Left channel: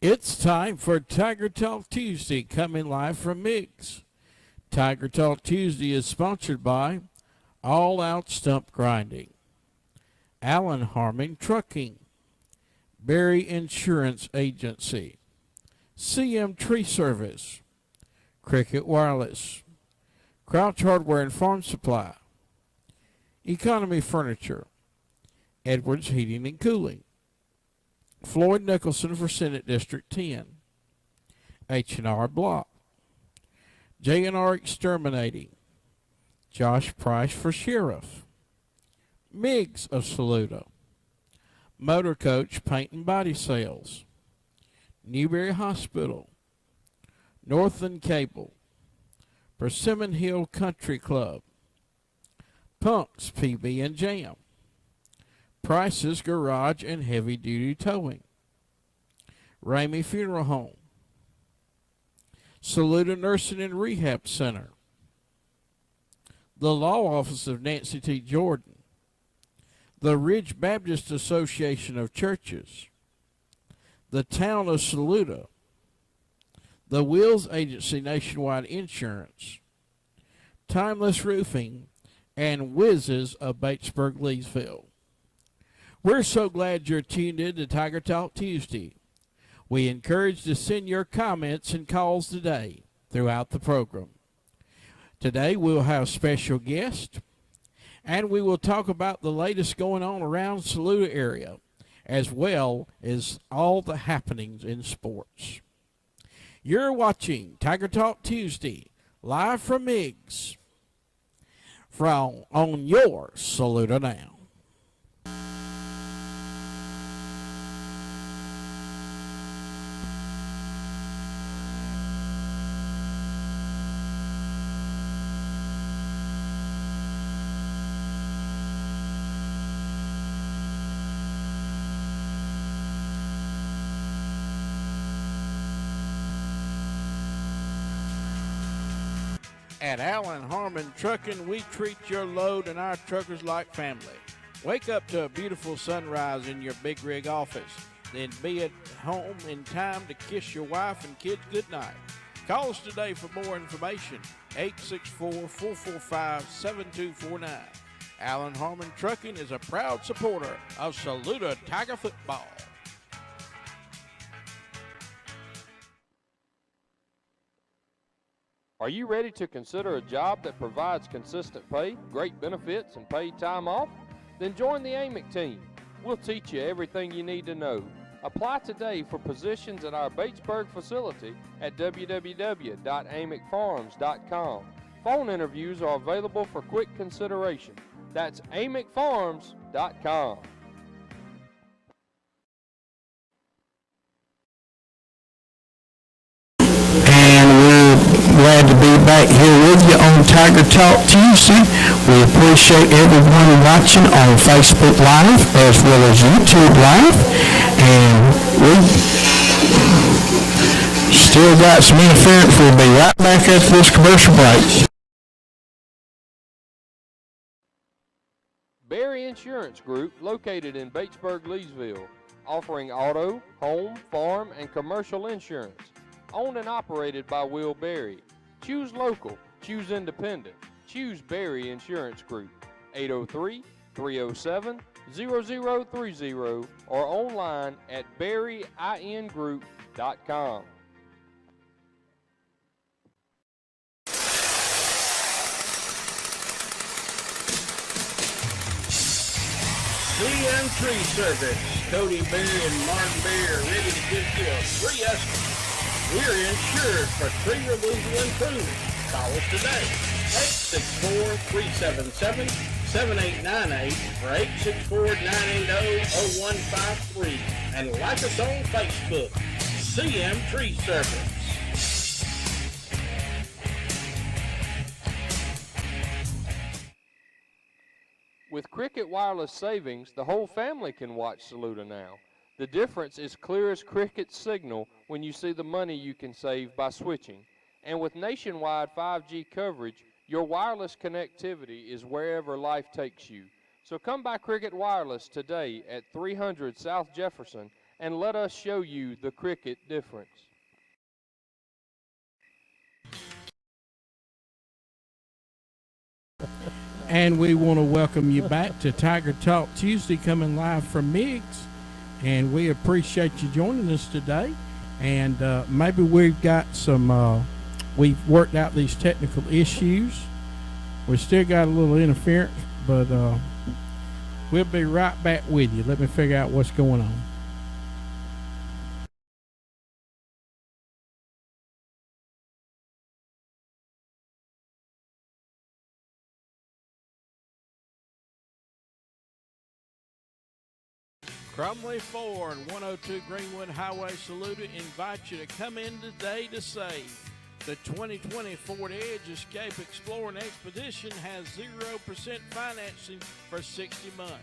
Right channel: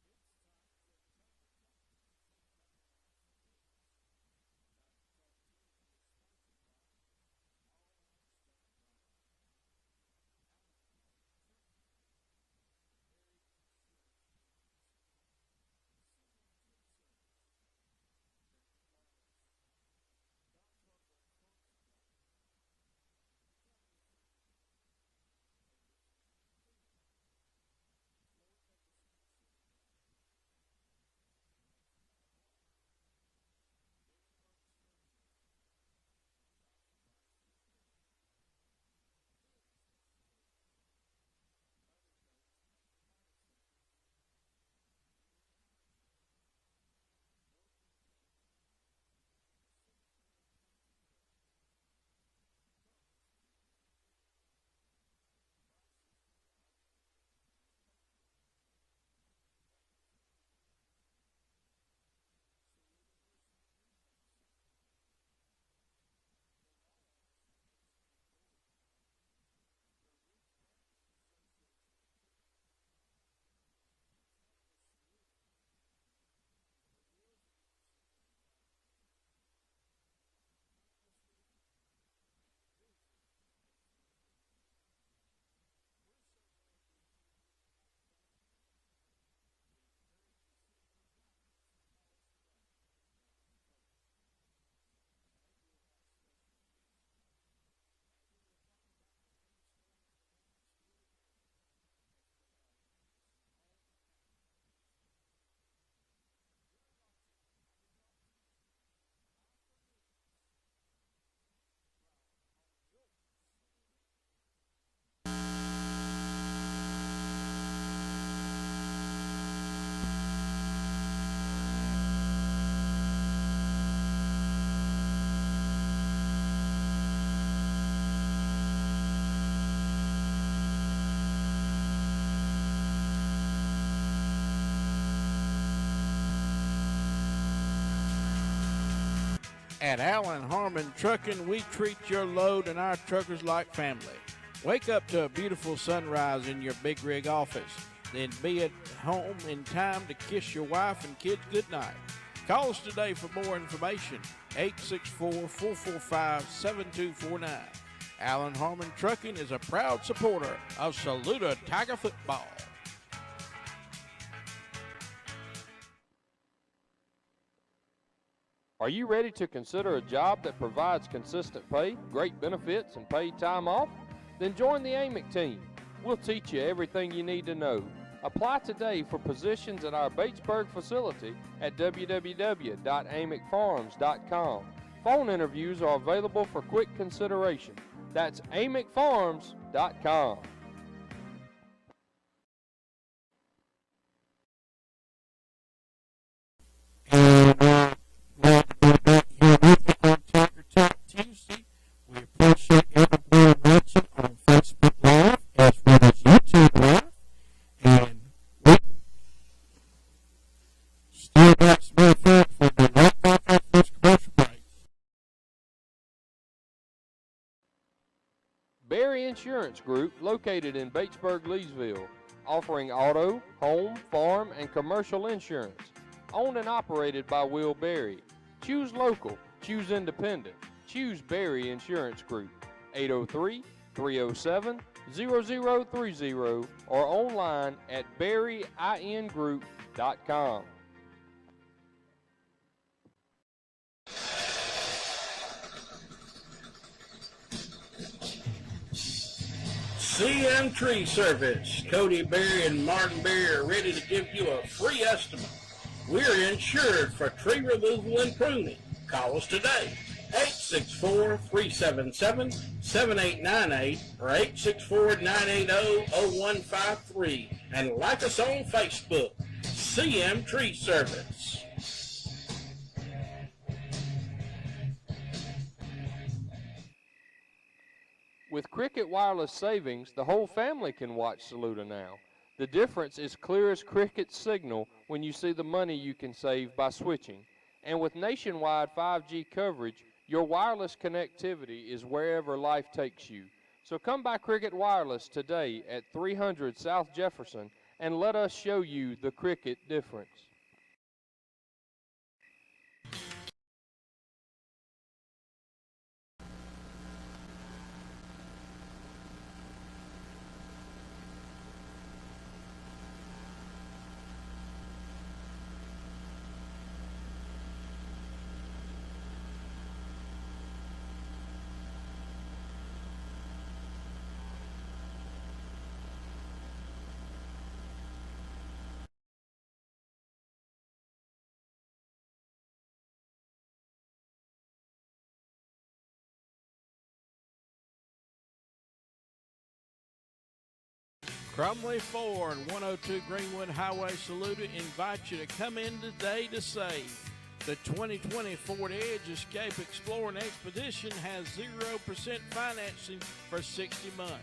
It's time for Tiger Talk Tuesday, coming live from Miggs. Tiger Talk Tuesday is sponsored by All Out Stump Grinding, Allen Harmon Trucking, Berry Insurance Agency, CM Tree Service, Cricket Wireless, Crouch Hardware and Farm Supply, Economy Furniture, Edwards Heating and Cooling, Floyd Nicholson for Senate District 10, H&R Block, J&R Exterminating, Josh Price for Sheriff, Miggs of Saluda, Motor Coach Paint and Body Sales, Newberry Hospital, Northland Cable, Persimmon Hill Country Club, Punk's PB and Jam, Price's Garage and Heavy Duty Towing, Ramey Funeral Home, Saluda Nursing and Rehab Center, the Law Office of Nancy T. Jordan, the Ridge Baptist Association of Churches, the Town of Saluda, the Wills Agency Nationwide Insurance, Timeless Roofing, and Whizzes of Batesburg, Leesville. We're so glad you're tuned in to Tiger Talk Tuesday. We encourage you to send your comments and calls today throughout the program. Today we'll have special guests, and we will talk about the latest going on around the Saluda area, as well as all the happenings in sports. You're watching Tiger Talk Tuesday, live from Miggs, on your Saluda Now. At Allen Harmon Trucking, we treat your load and our truckers like family. Wake up to a beautiful sunrise in your big rig office, then be at home in time to kiss your wife and kids goodnight. Call us today for more information, 864-445-7249. Allen Harmon Trucking is a proud supporter of Saluda Tiger football. Are you ready to consider a job that provides consistent pay, great benefits, and paid time off? Then join the AMIC team. We'll teach you everything you need to know. Apply today for positions at our Batesburg facility at www.amicfarms.com. Phone interviews are available for quick consideration. That's amicfarms.com. Glad to be back here with you on Tiger Talk Tuesday. We appreciate everyone watching on Facebook Live as well as YouTube Live. And we still got some interference. We'll be right back after this commercial break. Berry Insurance Group, located in Batesburg, Leesville, offering auto, home, farm, and commercial insurance. Owned and operated by Will Berry. Choose local. Choose independent. Choose Berry Insurance Group. 803-307-0030 or online at berryingroup.com. CM Tree Service. Cody Berry and Martin Berry are ready to give you a free estimate. We're insured for tree removal and pruning. Call us today, 864-377-7898 or 864-980-0153. And like us on Facebook, CM Tree Service. With Cricket Wireless savings, the whole family can watch Saluda Now. The difference is clear as Cricket's signal when you see the money you can save by switching. And with nationwide 5G coverage, your wireless connectivity is wherever life takes you. So come by Cricket Wireless today at 300 South Jefferson and let us show you the cricket difference. And we want to welcome you back to Tiger Talk Tuesday, coming live from Miggs. And we appreciate you joining us today. And maybe we've got some, we've worked out these technical issues. We still got a little interference, but we'll be right back with you. Let me figure out what's going on. Crumley Ford, 102 Greenwood Highway, Saluda, invites you to come in today to save. The 2020 Ford Edge Escape Explorer and Expedition has 0% financing for 60 months.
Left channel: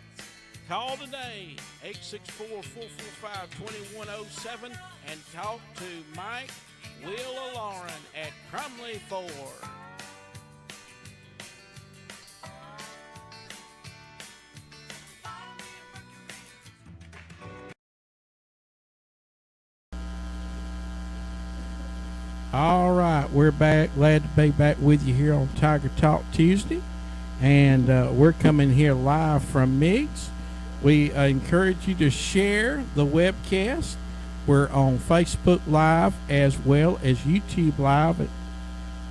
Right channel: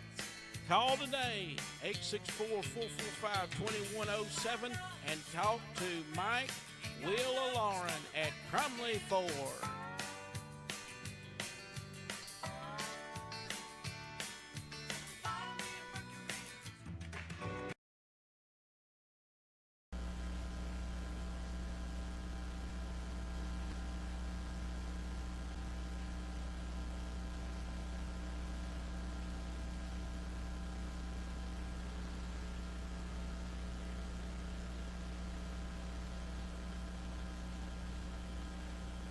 Call today, 864-445-2107, and talk to Mike, Will, or Lauren at Crumley Ford. All right, we're back. Glad to be back with you here on Tiger Talk Tuesday. And we're coming here live from Miggs. We encourage you to share the webcast. We're on Facebook Live as well as YouTube Live.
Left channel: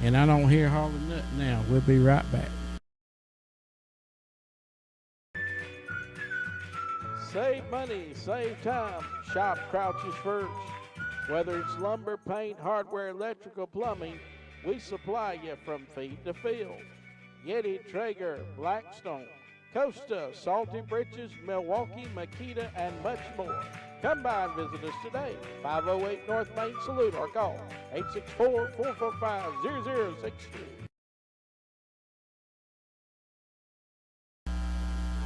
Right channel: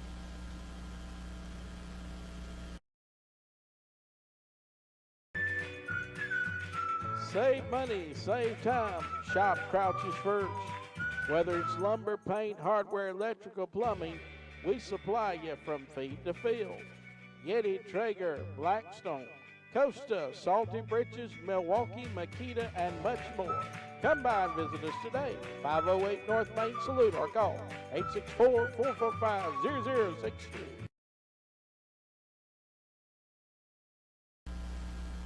And I don't hear hardly nothing now. We'll be right back. Save money, save time. Shop Crouch's First. Whether it's lumber, paint, hardware, electrical, plumbing, we supply you from feed to field. Yeti, Traeger, Blackstone, Costa, Salty Britches, Milwaukee, Makita, and much more. Come by and visit us today. 508 North Main Salute, or call 864-445-0063.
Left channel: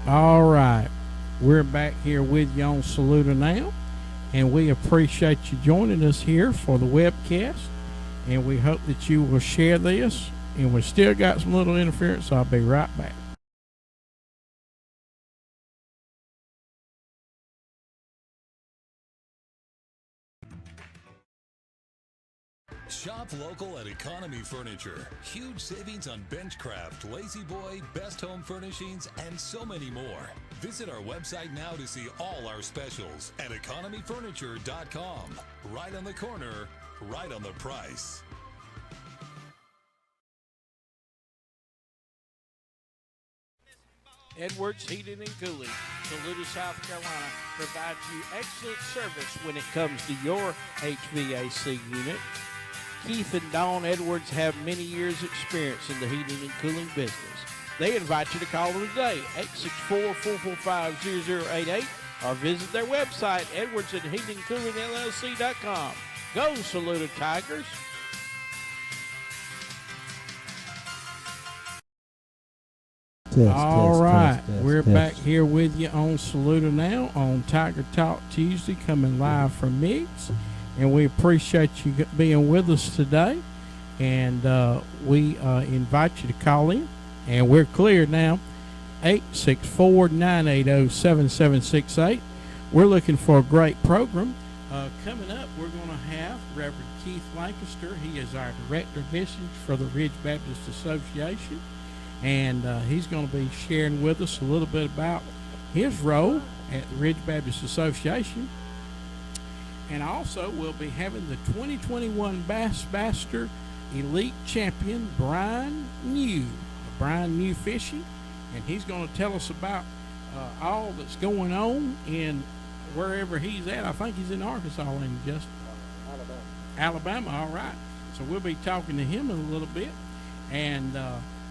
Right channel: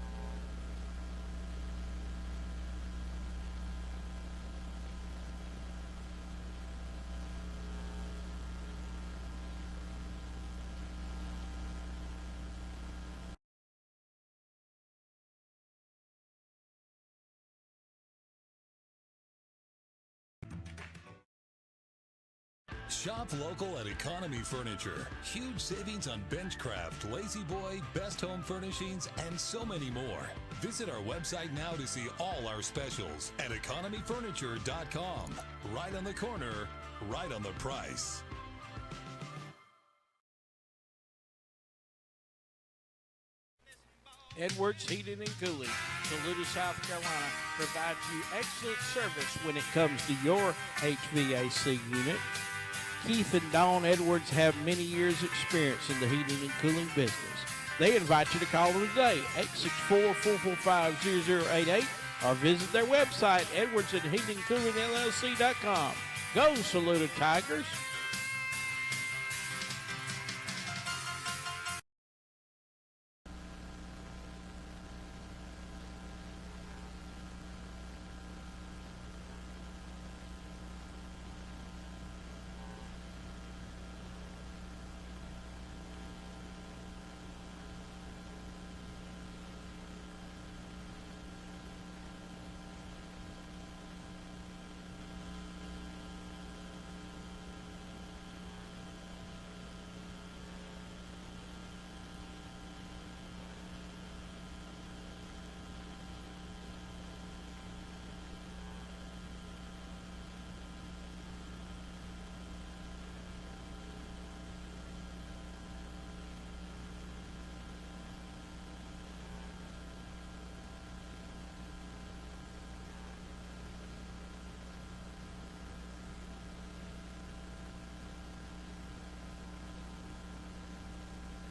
All right, we're back here with you on Saluda now. And we appreciate you joining us here for the webcast. And we hope that you will share this. And we still got some little interference, so I'll be right back. Shop local at Economy Furniture. Huge savings on Benchcraft, Lazy Boy, Best Home Furnishings, and so many more. Visit our website now to see all our specials at economyfurniture.com. Right on the corner, right on the price. Edwards Heating and Cooling, Saluda, South Carolina, provides you excellent service when it comes to your HVAC unit. Keith and Dawn Edwards have many years' experience in the heating and cooling business. They invite you to call them today, 864-445-0088, or visit their website, edwardsandheatingcoolingllc.com. Go, Saluda Tigers! All right, we're back here with you on Saluda now on Tiger Talk Tuesday, coming live from Miggs. And we appreciate you being with us today. And we invite you to call in. And we're clear now, 864-980-7768. We're looking for a great program. Coming up, we're going to have Reverend Keith Lancaster. He is our Director of Missions for the Ridge Baptist Association. And he's going to be sharing with us a little bit about his role at the Ridge Baptist Association. And also, we'll be having the 2021 Bassmaster Elite Champion, Brian New Fishing. And he's going to tell us about all that's going on in wherever he's at. I think he's in Arkansas, and just Alabama, all right. So we'll be talking to him in a little bit. And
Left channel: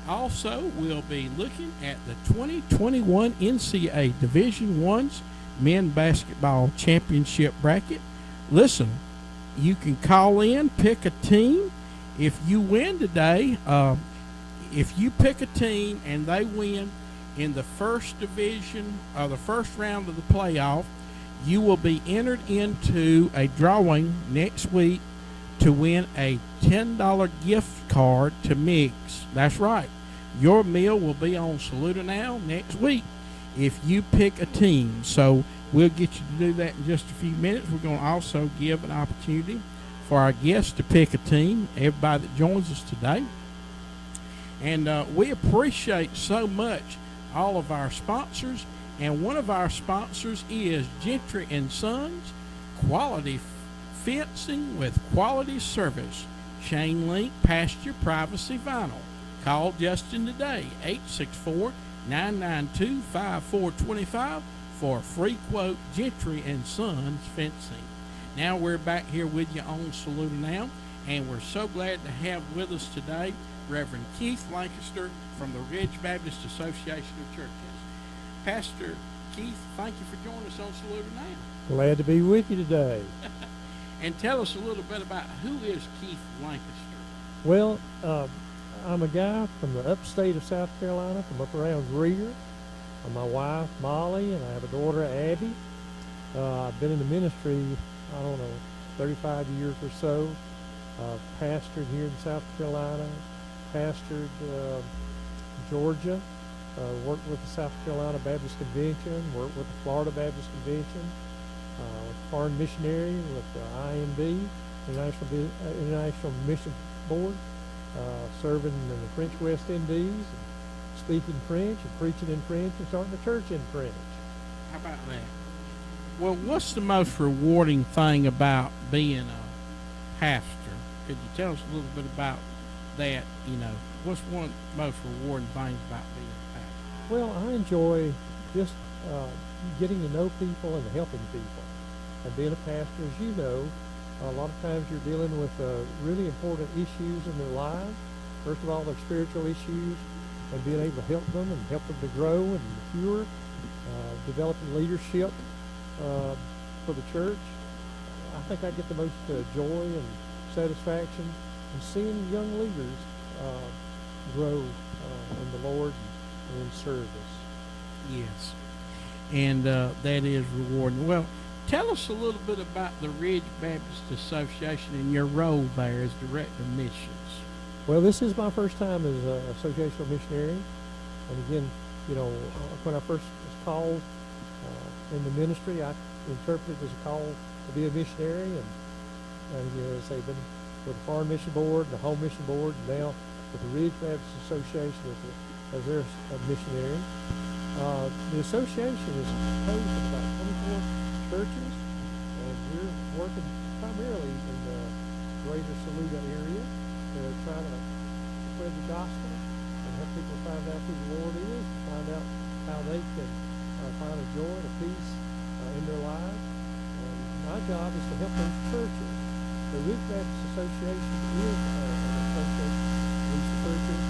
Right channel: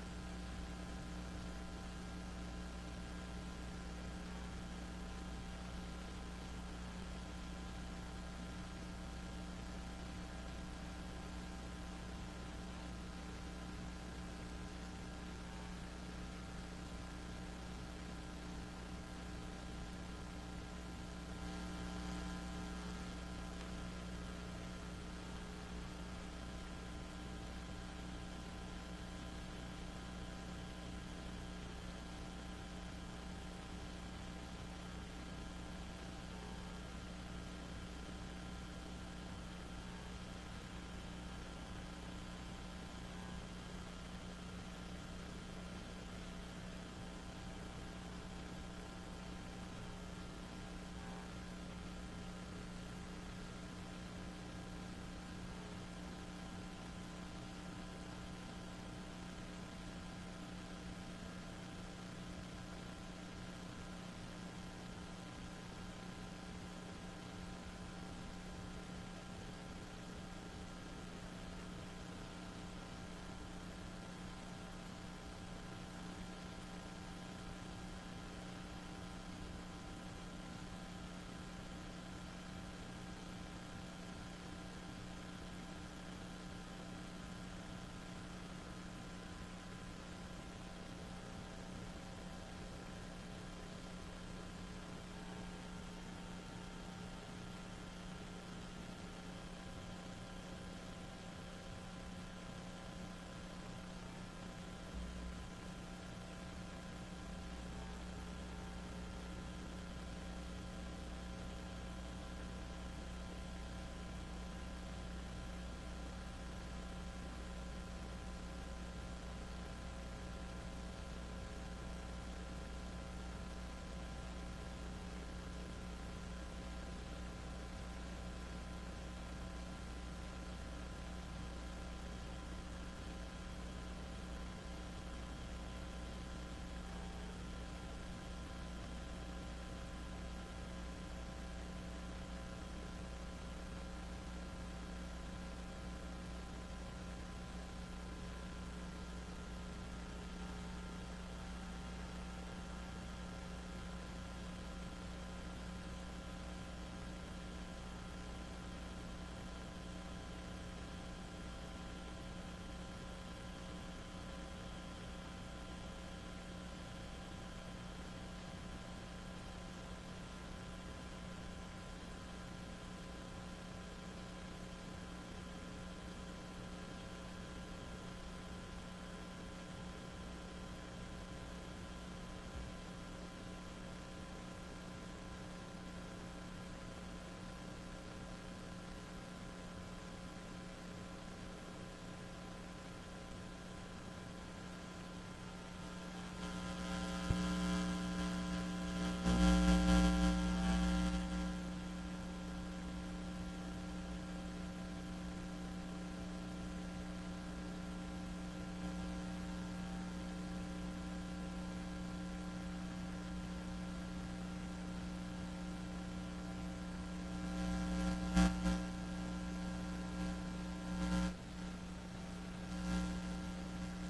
also, we'll be looking at the 2021 NCAA Division I's Men Basketball Championship Bracket. Listen, you can call in, pick a team. If you win today, if you pick a team and they win in the first division or the first round of the playoff, you will be entered into a drawing next week to win a $10 gift card to Miggs. That's right. Your meal will be on Saluda Now next week if you pick a team. So We'll get you to do that in just a few minutes. We're going to also give an opportunity for our guests to pick a team, everybody that joins us today. And we appreciate so much all of our sponsors. And one of our sponsors is Gentry & Sons, quality fencing with quality service. Chain link, pasture, privacy, vinyl. Call Justin today, 864-992-5425 for a free quote, Gentry & Sons Fencing. Now we're back here with you on Saluda Now, and we're so glad to have with us today Reverend Keith Lancaster from the Ridge Baptist Association of Churches. Pastor Keith, thank you for joining us on Saluda Now. Glad to be with you today. And tell us a little bit about who is Keith Lancaster. Well, I'm a guy from the upstate of South Carolina, from up around Greer. My wife, Molly, and I have a daughter, Abby. I've been in the ministry, 35 years or so. Pastored here in South Carolina, pastored Georgia, worked with the South Carolina Baptist Convention, worked with the Florida Baptist Convention, foreign missionary with the IMB, International Mission Board, serving in the French West Indies, speaking French and preaching in French and starting a church in French. How about that? Well, what's the most rewarding thing about being a pastor? Could you tell us a little bit about that? What's one of the most rewarding things about being a pastor? Well, I enjoy just getting to know people and helping people. And being a pastor, as you know, a lot of times you're dealing with really important issues in their lives. First of all, their spiritual issues, and being able to help them and help them to grow and mature, developing leadership for the church. I think I get the most joy and satisfaction in seeing young leaders grow in the Lord and in service. Yes, and that is rewarding. Well, tell us a little bit about the Ridge Baptist Association and your role there as Director of Missions. Well, this is my first time as an associational missionary. And again, when I first was called in the ministry, I interpreted it as a call to be a missionary. And as they've been with the Foreign Mission Board, the Home Mission Board, and now with the Ridge Baptist Association as their missionary. The association is composed of about 24 churches, and we're working primarily in the greater Saluda area, trying to spread the gospel and help people find out who the Lord is, find out how they can find a joy and a peace in their lives. My job is to help those churches. The Ridge Baptist Association is an association of these churches.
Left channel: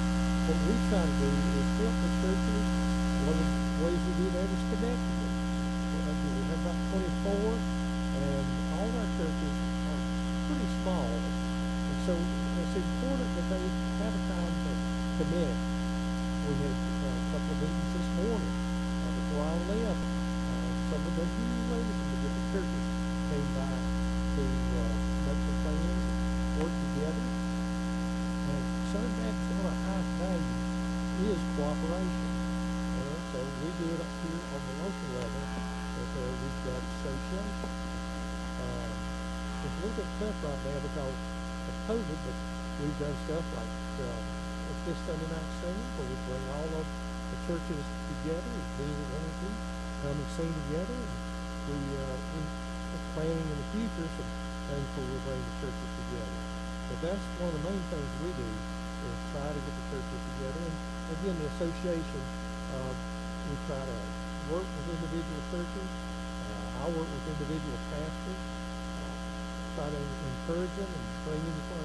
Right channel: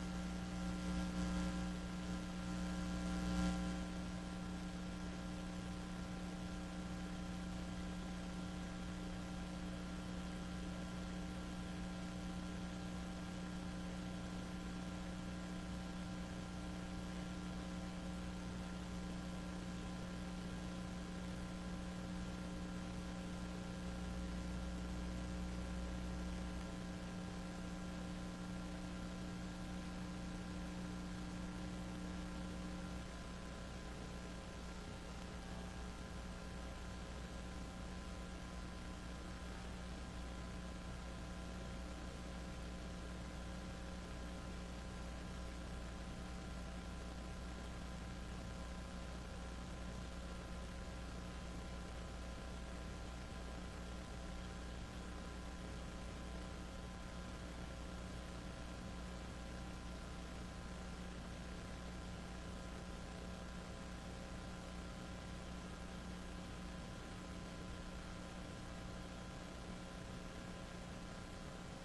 What we try to do is help the churches. One of the ways we do that is connect them. We have about 24, and all of our churches are pretty small. And so it's important that they have a time to connect. We had a couple of meetings this morning before I left. Some of the new ladies from the different churches came by to make the plans, work together. And Southern Baptist, one of our highest values is cooperation. So we do it up here on the local level with we've got association. It's a little bit tough right now because of COVID, but we've done stuff like this Sunday night singing, where we bring all of the churches together, as being energy, come and sing together. And we're planning in the future some things where we bring the churches together. But that's one of the main things we do is try to get the churches together. And again, the association, we try to work with individual churches. I work with individual pastors, try to encourage them and bring them the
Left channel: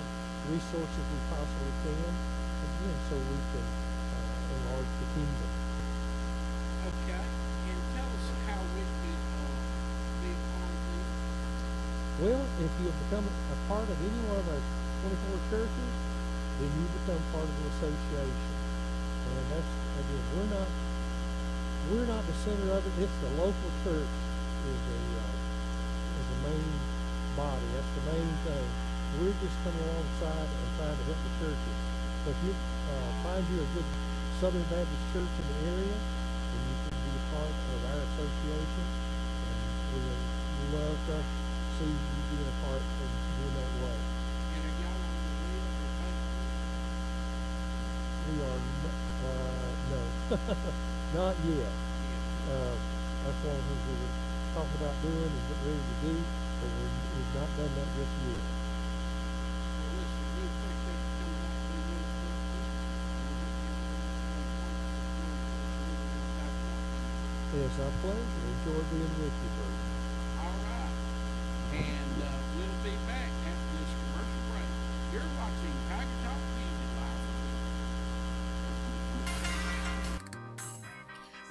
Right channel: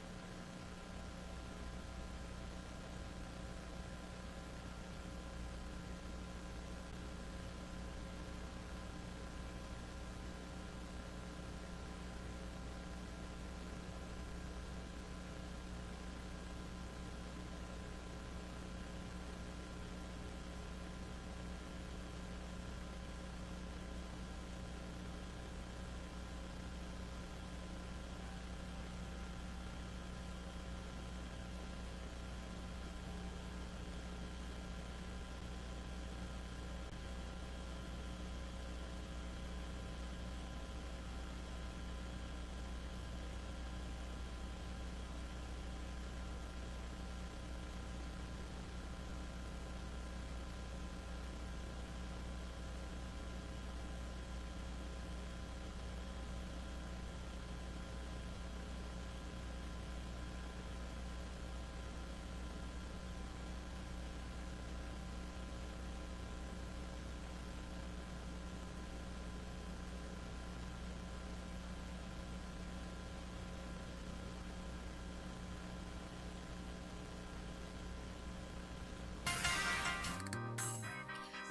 resources we possibly can, again, so we can enlarge the kingdom. Okay, and tell us how we can be a part of this. Well, if you become a part of any one of our 24 churches, then you become part of the association. And that's, again, we're not the center of it. It's the local church is the main body. That's the main thing. We're just coming alongside and trying to help the churches. So if you find you a good Southern Baptist church in the area, then you can be a part of our association. And love to see you be a part of doing that way. We are, no, not yet. That's one of the things we were talking about doing and getting ready to do, but we've not done that just yet. It's our pleasure. Enjoy being with you, Bert. All right. And we'll be back after this commercial break. You're watching Tiger Talk Community Live.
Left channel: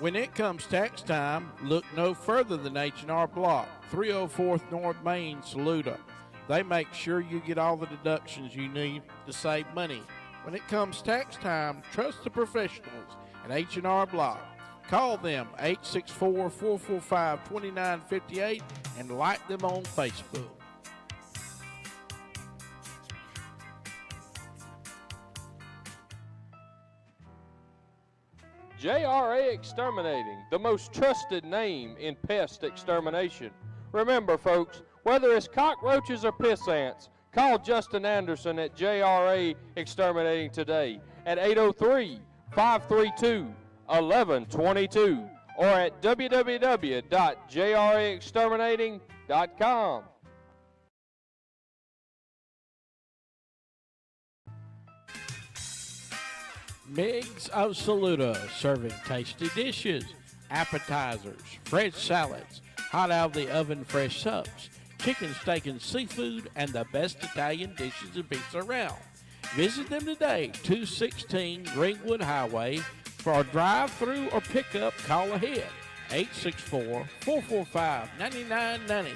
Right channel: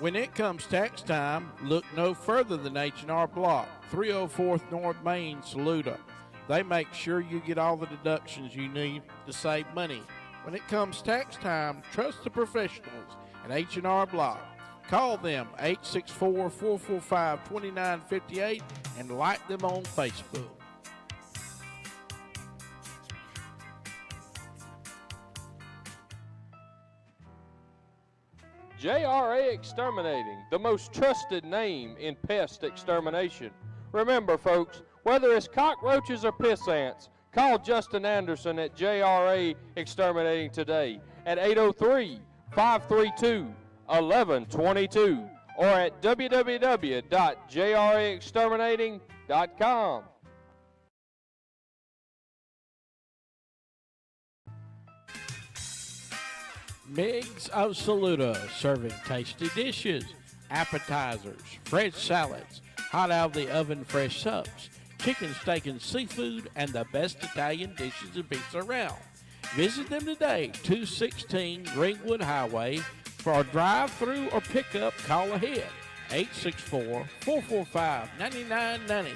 When it comes tax time, look no further than H&R Block, 304th North Main, Saluda. They make sure you get all the deductions you need to save money. When it comes tax time, trust the professionals at H&R Block. Call them 864-445-2958 and like them on Facebook. JRA Exterminating, the most trusted name in pest extermination. Remember, folks, whether it's cockroaches or piss ants, call Justin Anderson at JRA Exterminating today at 803-532-1122 or at www.jraexterminating.com. Migs of Saluda, serving tasty dishes, appetizers, fresh salads, hot out of the oven fresh subs, chicken, steak, and seafood, and the best Italian dishes and pizza around. Visit them today, 216 Greenwood Highway. For a drive-through or pickup, call ahead, 864-445-9990.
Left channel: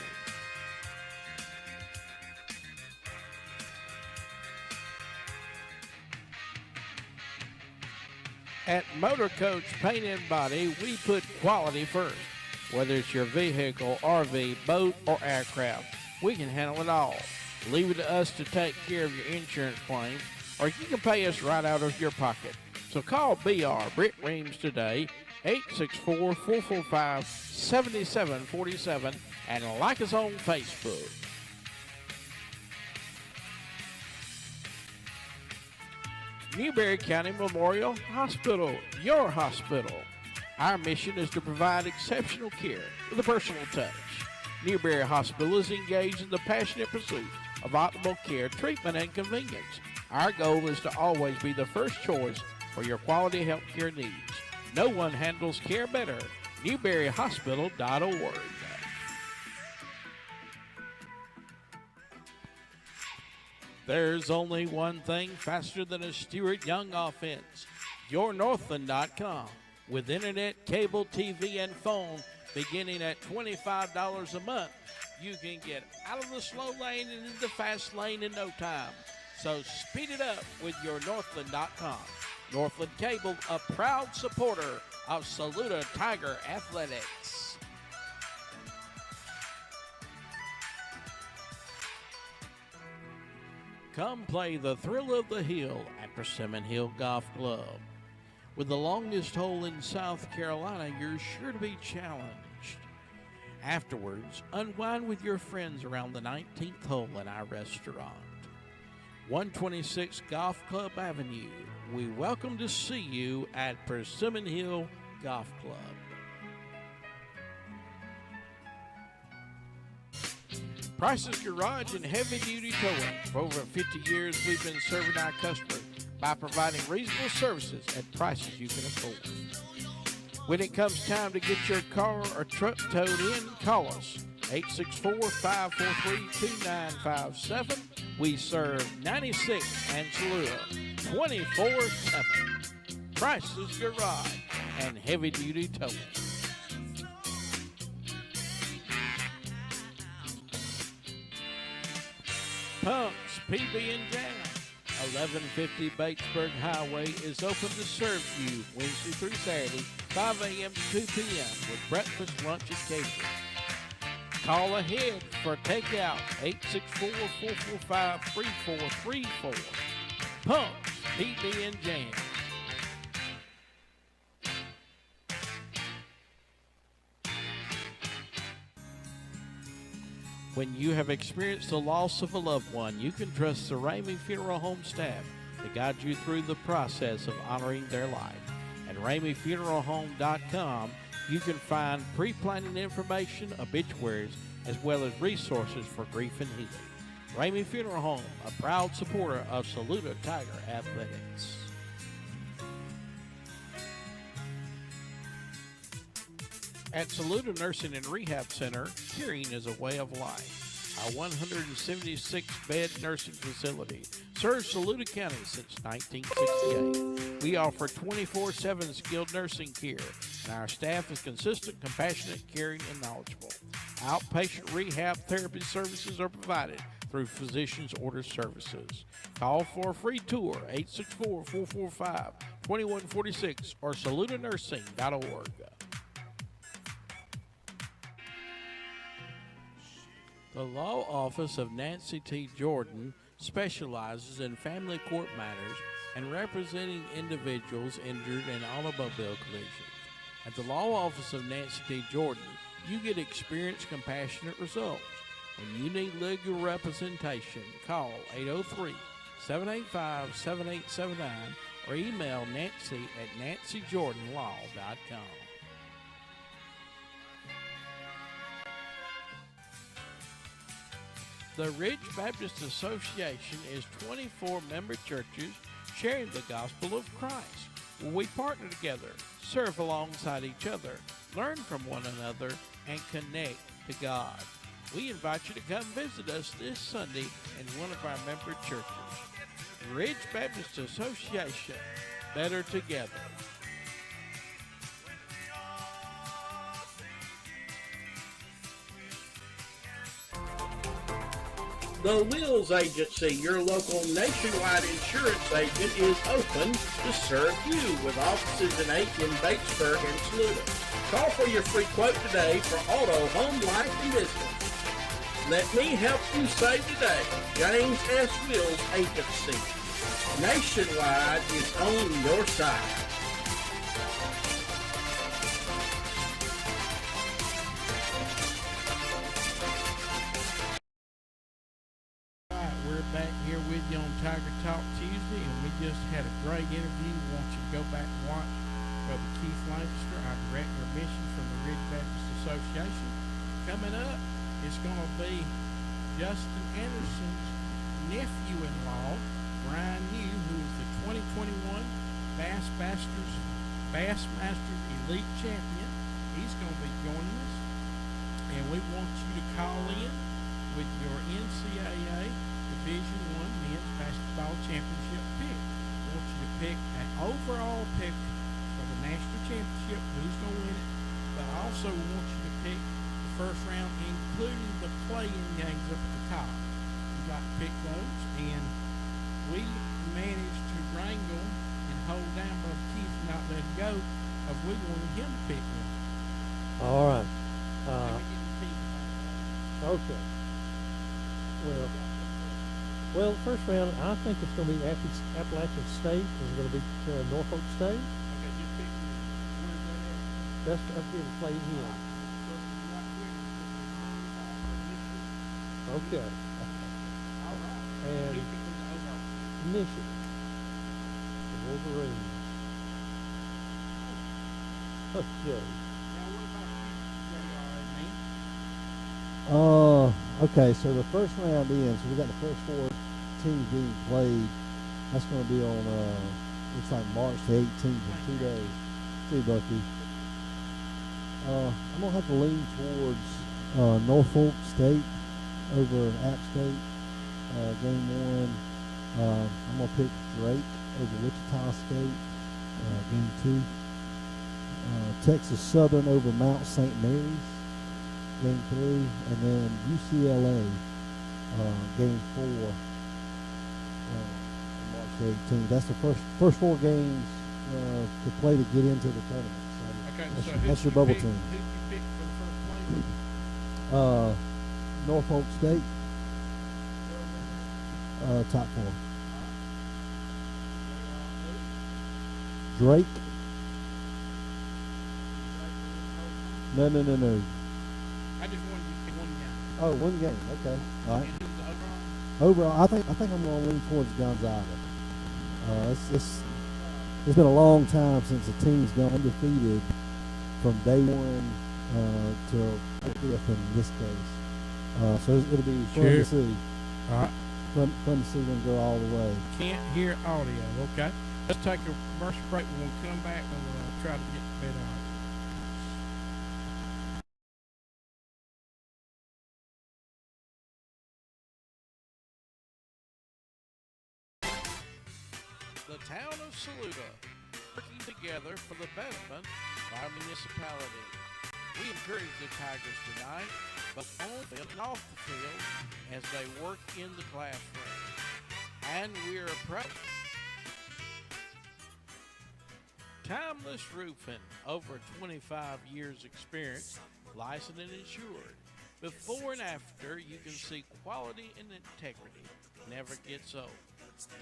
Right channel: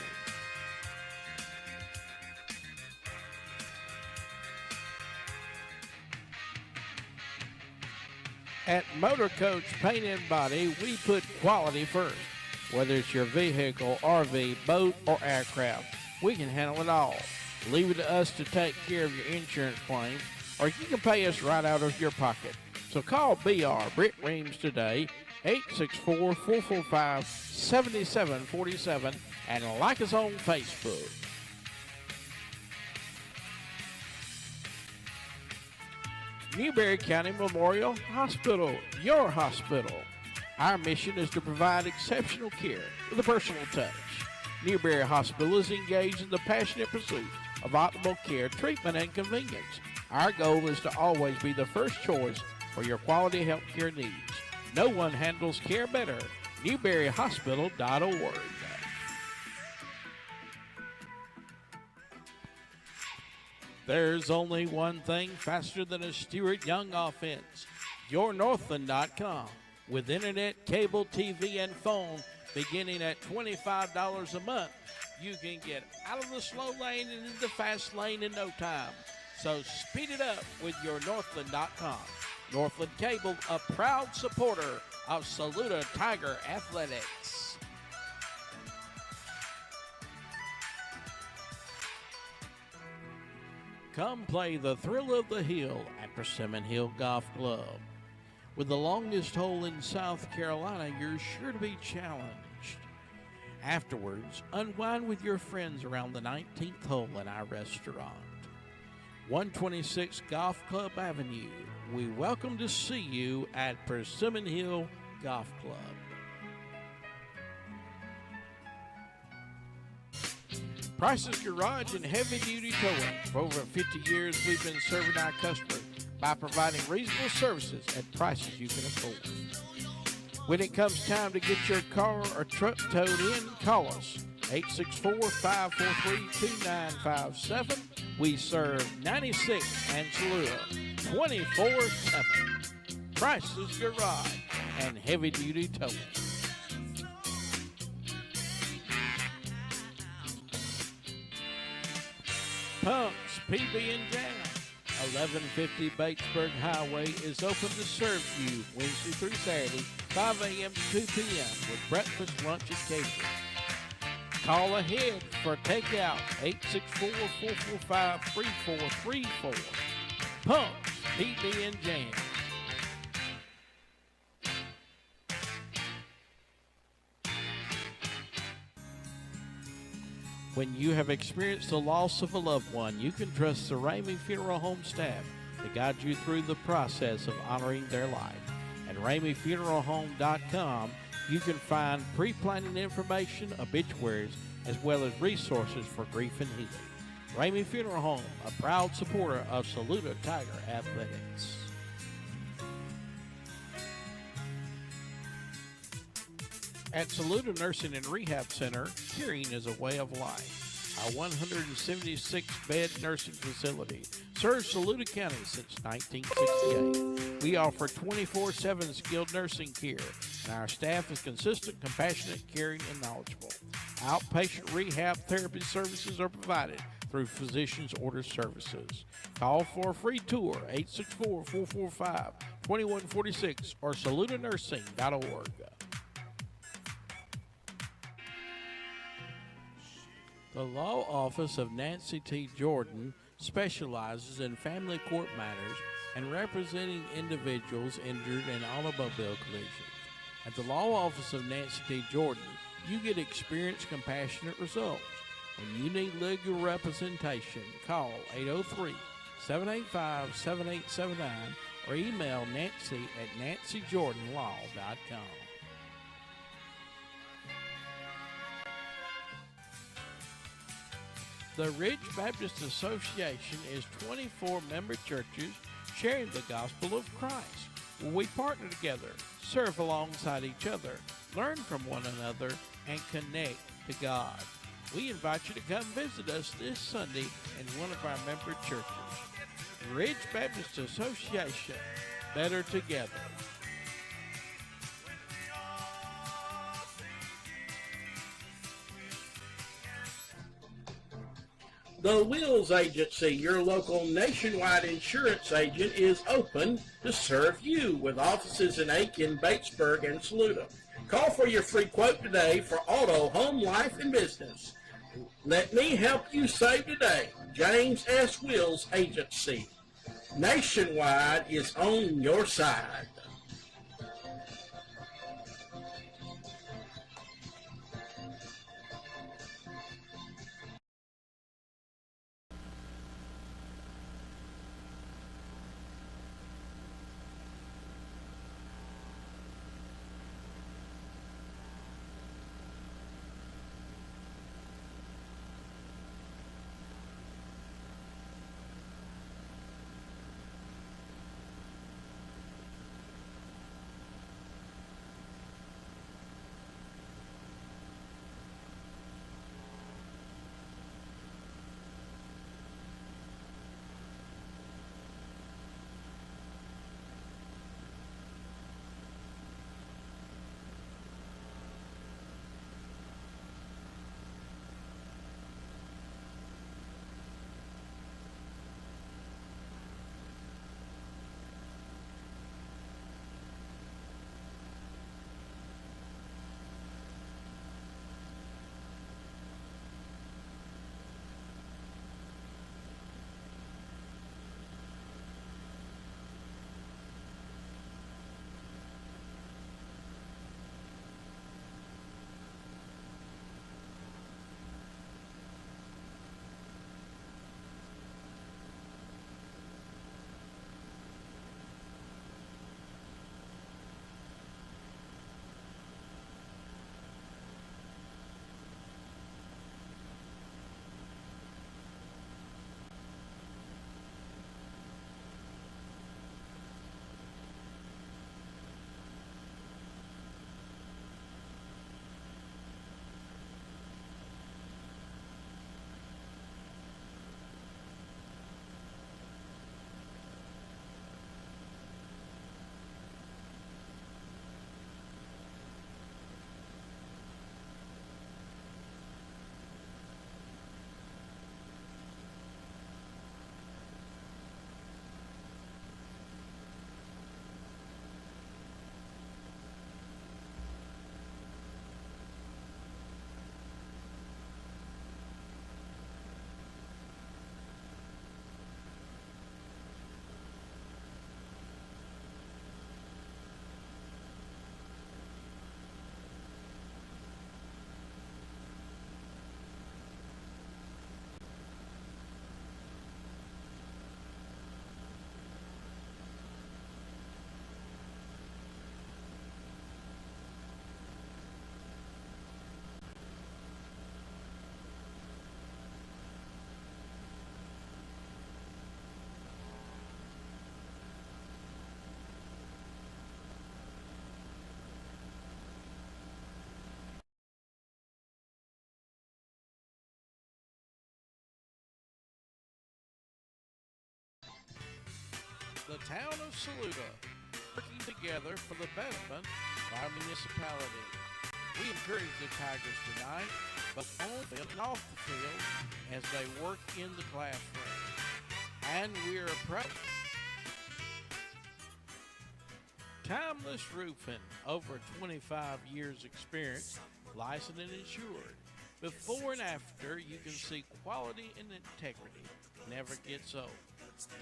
At Motor Coach Paint and Body, we put quality first. Whether it's your vehicle, RV, boat, or aircraft, we can handle it all. Leave it to us to take care of your insurance claim, or you can pay us right out of your pocket. So call BR Britt Reams today, 864-445-7747, and like us on Facebook. Newberry County Memorial Hospital, your hospital. Our mission is to provide exceptional care with a personal touch. Newberry Hospital is engaged in the passionate pursuit of optimal care, treatment, and convenience. Our goal is to always be the first choice for your quality health care needs. No one handles care better. NewberryHospital.org. There's only one thing faster than a Stewart Young offense. YourNorthland.com. With internet, cable, TV, and phone beginning at $25 a month, you can get out of the slow lane and into the fast lane in no time. So speed it up with YourNorthland.com. Northland Cable, a proud supporter of Saluda Tiger Athletics. Come play the thrill of the hill at Persimmon Hill Golf Club. With the longest hole in South Carolina, you're sure to be challenged. Afterwards, unwind with your friends around the 19th hole in our restaurant. 126 Golf Club Avenue. We welcome to see you at Persimmon Hill Golf Club. Price's Garage and Heavy Duty Towing. For over 50 years, we've been serving our customers by providing reasonable services at prices you can afford. When it comes time to get your car or truck towed in, call us. 864-543-2957. We serve 96 and Saluda 24/7. Price's Garage and Heavy Duty Towing. Punks PB and Jam, 1150 Batesburg Highway is open to serve you Wednesday through Saturday, 5 a.m. to 2 p.m. with breakfast, lunch, and catering. Call ahead for takeout, 864-445-3434. Punks PB and Jam. When you have experienced the loss of a loved one, you can trust the Ramey Funeral Home staff to guide you through the process of honoring their life. At RameyFuneralHome.com, you can find pre-planning information, obituaries, as well as resources for grief and healing. Ramey Funeral Home, a proud supporter of Saluda Tiger Athletics. At Saluda Nursing and Rehab Center, caring is a way of life. Our 176-bed nursing facility serves Saluda County since 1968. We offer 24/7 skilled nursing care, and our staff is consistent, compassionate, caring, and knowledgeable. Outpatient rehab therapy services are provided through physician's order services. Call for a free tour, 864-445-2146 or saludanursing.org. The law office of Nancy T. Jordan specializes in family court matters and representing individuals injured in automobile collisions. At the law office of Nancy T. Jordan, you get experienced, compassionate results. When you need legal representation, call 803-785-7879 or email Nancy at nancyjordanlaw.com. The Ridge Baptist Association is 24 member churches sharing the gospel of Christ. We partner together, serve alongside each other, learn from one another, and connect to God. We invite you to come visit us this Sunday in one of our member churches. Ridge Baptist Association, better together. The Wills Agency, your local nationwide insurance agent, is open to serve you with offices in Aiken, Batesburg, and Saluda. Call for your free quote today for auto, home, life, and business. Let me help you save today. James S. Wills Agency. Nationwide is on your side. We're back here with you on Tiger Talk Tuesday, and we just had a great interview. We want you to go back and watch Brother Keith Lancaster, our Director of Missions from the Ridge Baptist Association. Coming up, it's going to be Justin Anderson's nephew-in-law, Brian New, who is the 2021 Bassmasters Elite Champion. He's going to be joining us, and we want you to call in with your NCAA Division I Men's Basketball Championship pick. We want you to pick an overall pick for the national championship, who's going to win it, but also we want you to pick the first round, including the play-in games up at the top. We'd like to pick those, and we managed to wrangle and hold down Brother Keith and not let him go, because we wanted him to pick one. All right. Okay. Well, the first round, I think it's going to be Appalachian State. It's going to be Norfolk State. That's good to play here. Okay. And Michigan. The Wolverines. Okay. Okay, so the first round ends. So we got the first four teams being played. That's going to be on, looks like March the 18th in 2 days. See, Bucky. I'm going to have to lean towards Norfolk State over App State. Game one. I'm going to pick Drake over Wichita State. Game two. Texas Southern over Mount St. Mary's. Game 3, and then UCLA, game 4, March 18th. That's the first four games to play to get into the tournament. So that's your bubble team. Who you pick for the first play? Norfolk State, top 4. Drake. No. I just wanted to pick one guy. Oh, one game. Okay. All right. Overall, I think I'm gonna lean towards Gonzaga. It's been a long time since a team's gone undefeated from day one till fifth in this case. So it'll be fun Sure. to see. All right. Fun to see them go all the way. Can't hear audio. Okay. Let's take a commercial break. We're gonna come back and we'll try to get the bit on. The town of Saluda, working together for the betterment of our municipality. We encourage the Tigers tonight, both on the field and off the field, as they work in the classroom. And we're proud. Timeless Roofing, over 25 years experience, licensed and insured. Before and after, you can see quality and integrity never gets old.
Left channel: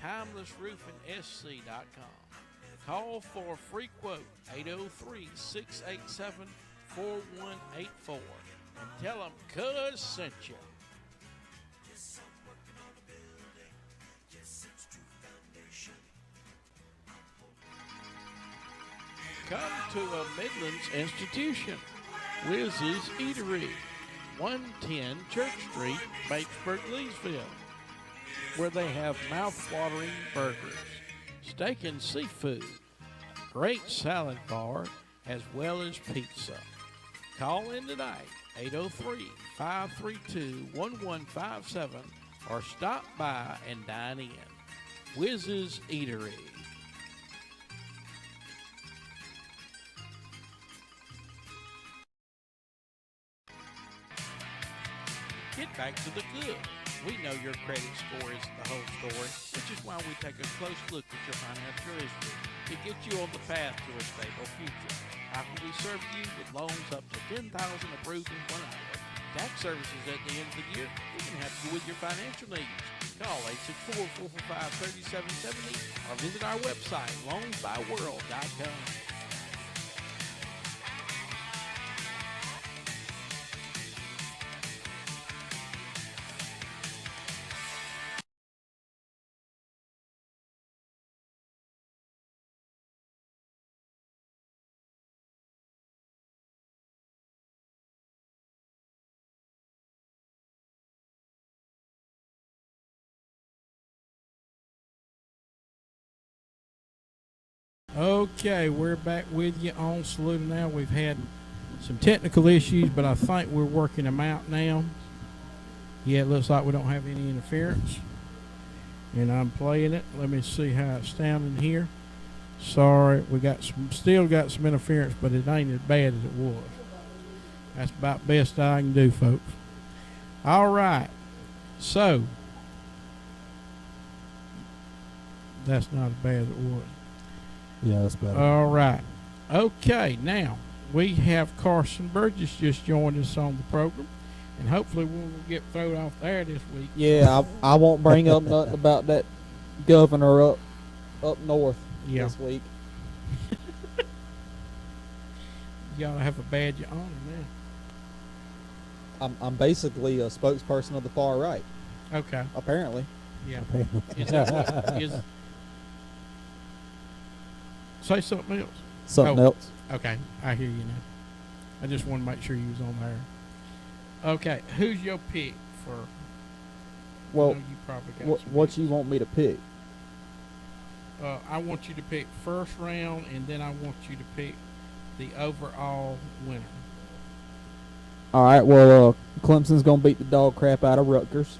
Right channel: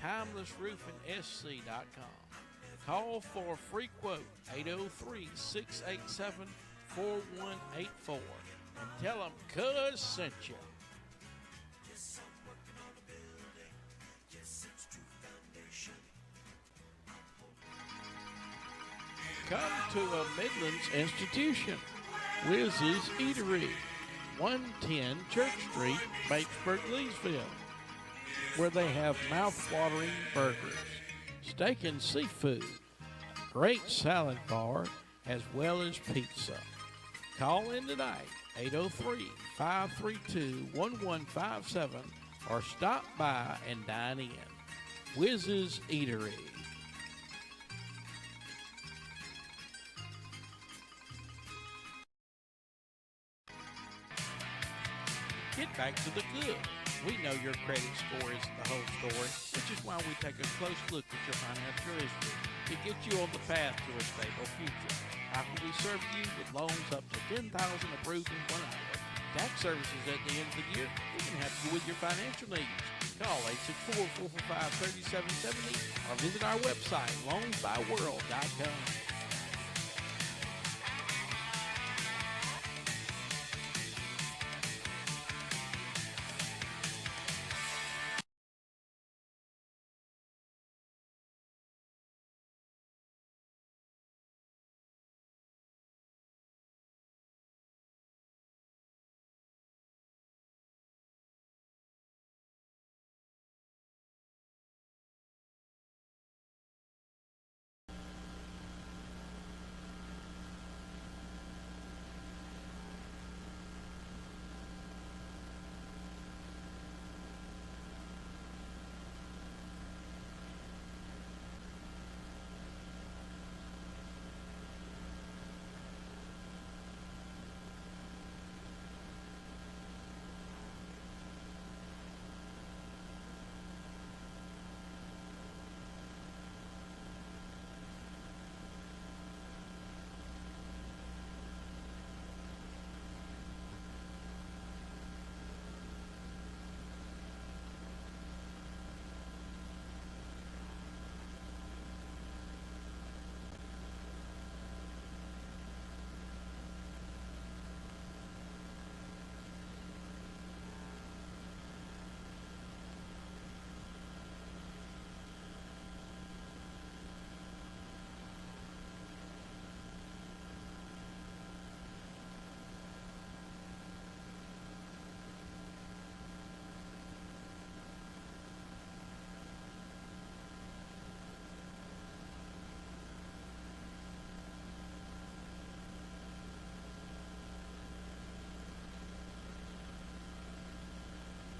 TimelessRoofingSC.com. Call for a free quote, 803-687-4184, and tell them Cuz sent you. Come to a Midlands institution, Wiz's Eatery, 110 Church Street, Batesburg, Leesville, where they have mouth-watering burgers, steak and seafood, great salad bar, as well as pizza. Call in tonight, 803-532-1157, or stop by and dine in. Wiz's Eatery. Get back to the good. We know your credit score isn't the whole story, which is why we take a close look at your financial history to get you on the path to a stable future. How can we serve you with loans up to $10,000 approved in 1 hour? Tax services at the end of the year, we can help you with your financial needs. Call 864-445-3770 or visit our website, loansbyworld.com. Okay, we're back with you on Saluda now. We've had some technical issues, but I think we're working them out now. Yeah, it looks like we don't have any interference. And I'm playing it. Let me see how it's sounding here. Sorry, we got still got some interference, but it ain't as bad as it was. That's about the best I can do, folks. All right. So, that's not as bad as it was. Yeah, that's better. All right. Okay, now we have Carson Burgess just joined us on the program, and hopefully we won't get thrown off there this week. Yeah, I won't bring up nothing about that governor up north this week. You gotta have a badge on, man. I'm basically a spokesperson of the far right, Okay. apparently. Yeah. Is that what, say something else. Something Oh. else. Okay, I hear you now. I just want to make sure you was on there. Okay, who's your pick for? Well, you probably got some what you want me to pick? I want you to pick first round, and then I want you to pick the overall winner. All right. Well, Clemson's gonna beat the dog crap out of Rutgers,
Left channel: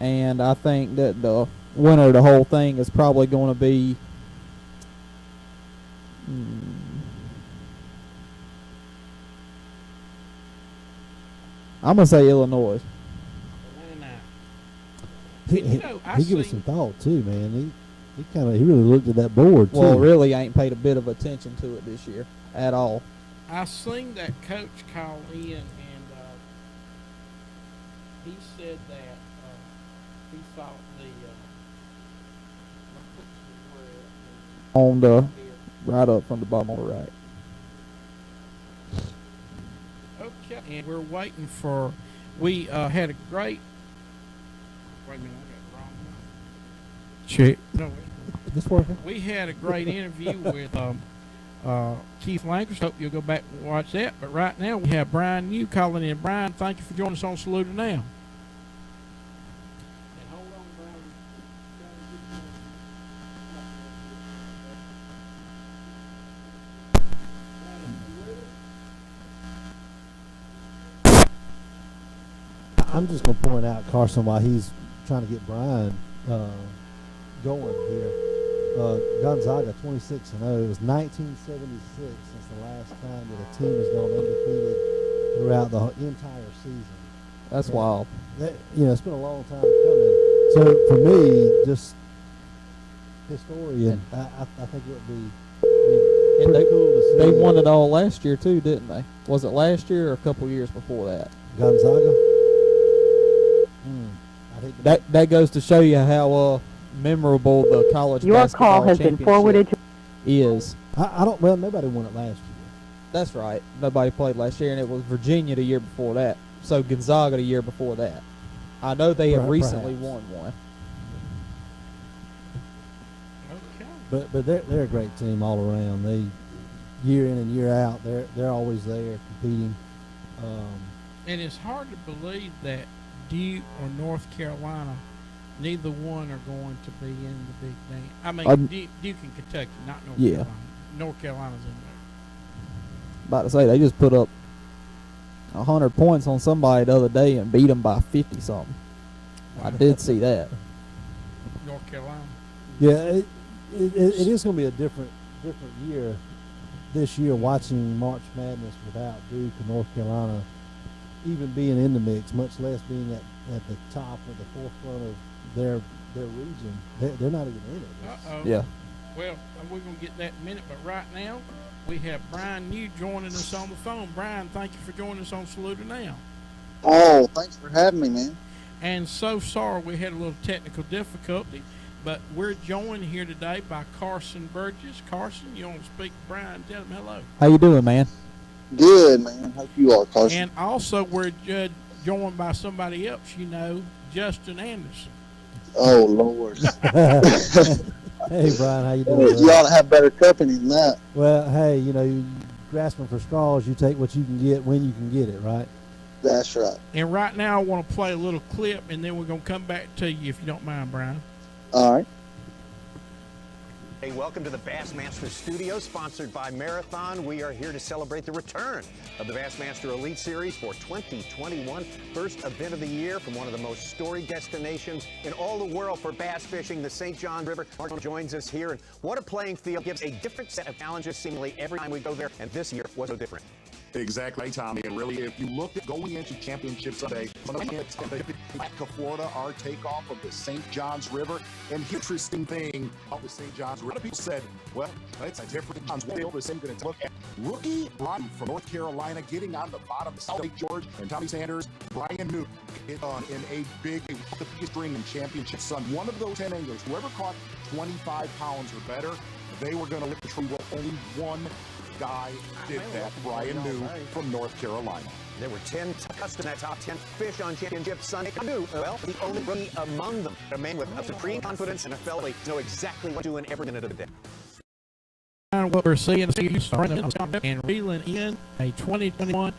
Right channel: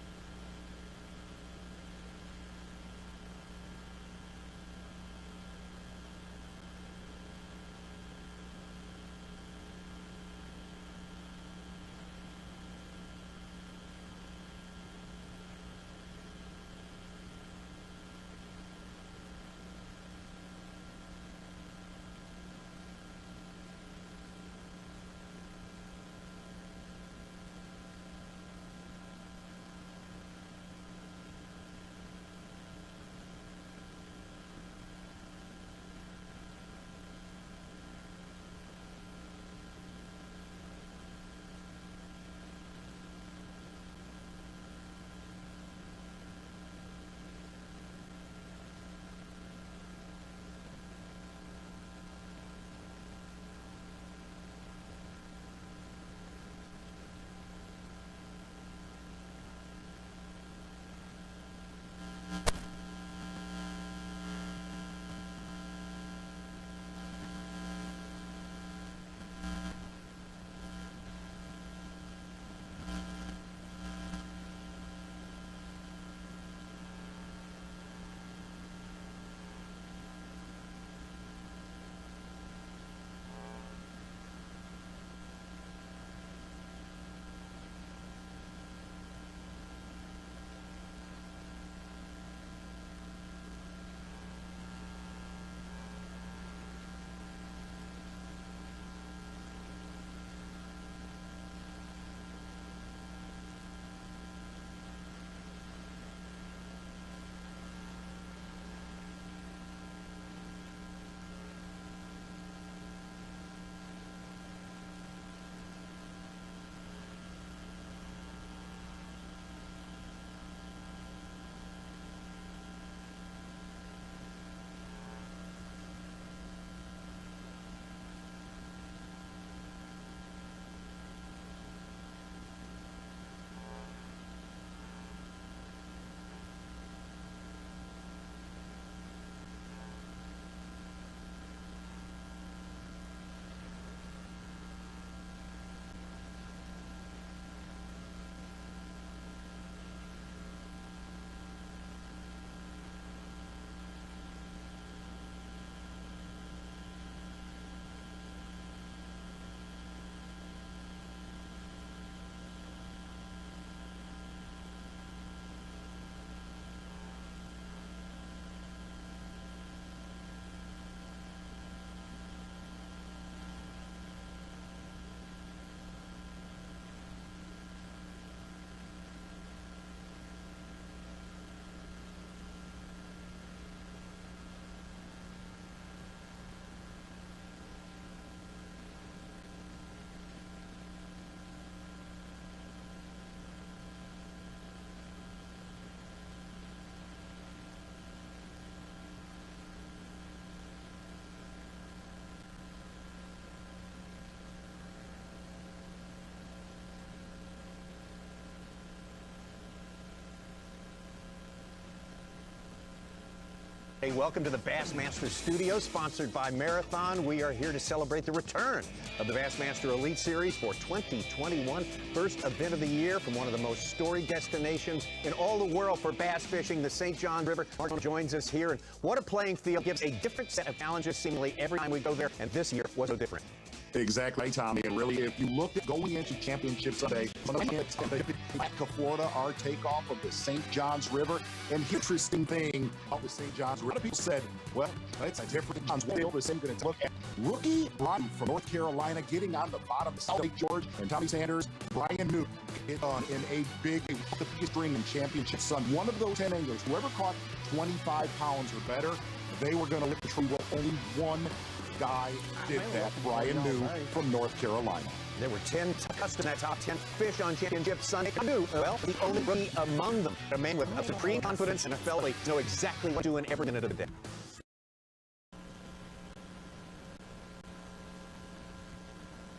and I think that the winner of the whole thing is probably going to be. I'm gonna say Illinois. He gave us some thought too, man. He really looked at that board too. Well, really, I ain't paid a bit of attention to it this year at all. I seen that coach call in, and he said that he thought On the right up from the bottom on the right. okay, and we're waiting for. We had a great. Wait a minute, check. No, This working? we had a great interview with Keith Lankers. Hope you'll go back and watch that. But right now we have Brian New calling in. Brian, thank you for joining us on Saluda Now. I'm just going to point out, Carson, while he's trying to get Brian going here. Gonzaga 26-0. It was 1976 since the last time that a team has gone undefeated throughout the entire season. That's wild. It's been a long time coming. So for me, just historian, I think it would be And pretty cool to see. they won it all last year too, didn't they? Was it last year or a couple years before that? Gonzaga. That goes to show you how memorable the college Your basketball call has been championship forwarded to. is. I don't. Well, nobody won it last year. That's right. Nobody played last year, and it was Virginia the year before that. So Gonzaga the year before that. I know they have recently won one. But they're a great team all around. They year in and year out, they're always there competing. And it's hard to believe that Duke or North Carolina, neither one are going to be in the Big Ten. I mean, Duke and Kentucky, not North Carolina. North Carolina's in there. About to say, they just put up 100 points on somebody the other day and beat them by 50 something. I did see that. North Carolina. Yeah, it is going to be a different year this year, watching March Madness without Duke and North Carolina even being in the mix, much less being at the top or the forefront of their region. They're not even in it. Uh-oh. Yeah. Well, we're going to get that in a minute, but right now we have Brian New joining us on the phone. Brian, thank you for joining us on Saluda Now. Oh, thanks for having me, man. And so sorry we had a little technical difficulty, but we're joined here today by Carson Burgess. Carson, you want to speak to Brian? Tell him hello. How you doing, man? Good, man. Hope you are, Carson. And also we're joined by somebody else you know, Justin Anderson. Oh, Lord. Hey, Brian, how you doing? You ought to have better company than that. Well, hey, you grasping for straws, you take what you can get when you can get it, right? That's right. And right now I want to play a little clip, and then we're going to come back to you if you don't mind, Brian. All right. Hey, welcome to the Bassmaster Studio, sponsored by Marathon. We are here to celebrate the return of the Bassmaster Elite Series for 2021. First event of the year from one of the most storied destinations in all the world for bass fishing, the St. Johns River. Mark joins us here, and what a playing field. Gives a different set of challenges seemingly every time we go there, and this year was so different. Exactly, Tommy. And really, if you look at going into Championship Sunday, Florida, our takeoff of the St. Johns River. And the interesting thing about the St. Johns River, a lot of people said, well, it's a different Johns River. We're going to look at rookie Brian from North Carolina getting on the bottom of South Lake George, and Tommy Sanders, Brian New, hit on in a big string in Championship Sunday. One of those 10 anglers, whoever caught 25 pounds or better, they were going to lift the tree. Well, only one guy did that, Brian New from North Carolina. There were 10 customers in that top 10 fish on Championship Sunday. New, well, the only rookie among them. A man with supreme confidence and a fellow who knows exactly what to do in every minute of the day. What we're seeing is and reeling in a 2021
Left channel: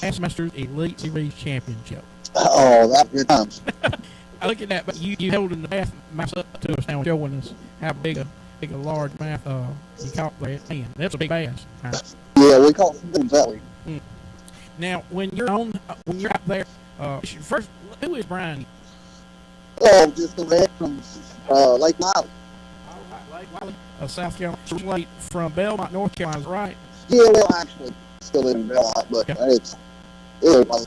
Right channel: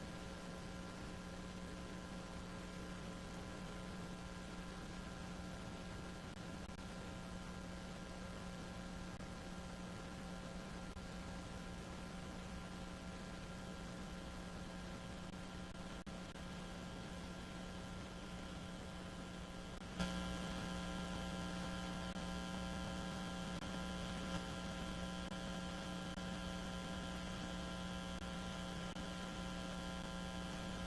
Bassmaster Elite Series Championship. Oh, that's good times. Look at that, but you holding the bass up to us now, showing us how big a large mouth you caught there. Man, that's a big bass. Yeah, we call it that way. Now, when you're out there, first, who is Brian? Oh, just a man from Lake Miley. South Carolina, from Belmont, North Carolina, right? Yeah, well, actually, still live in Belmont, but it's like,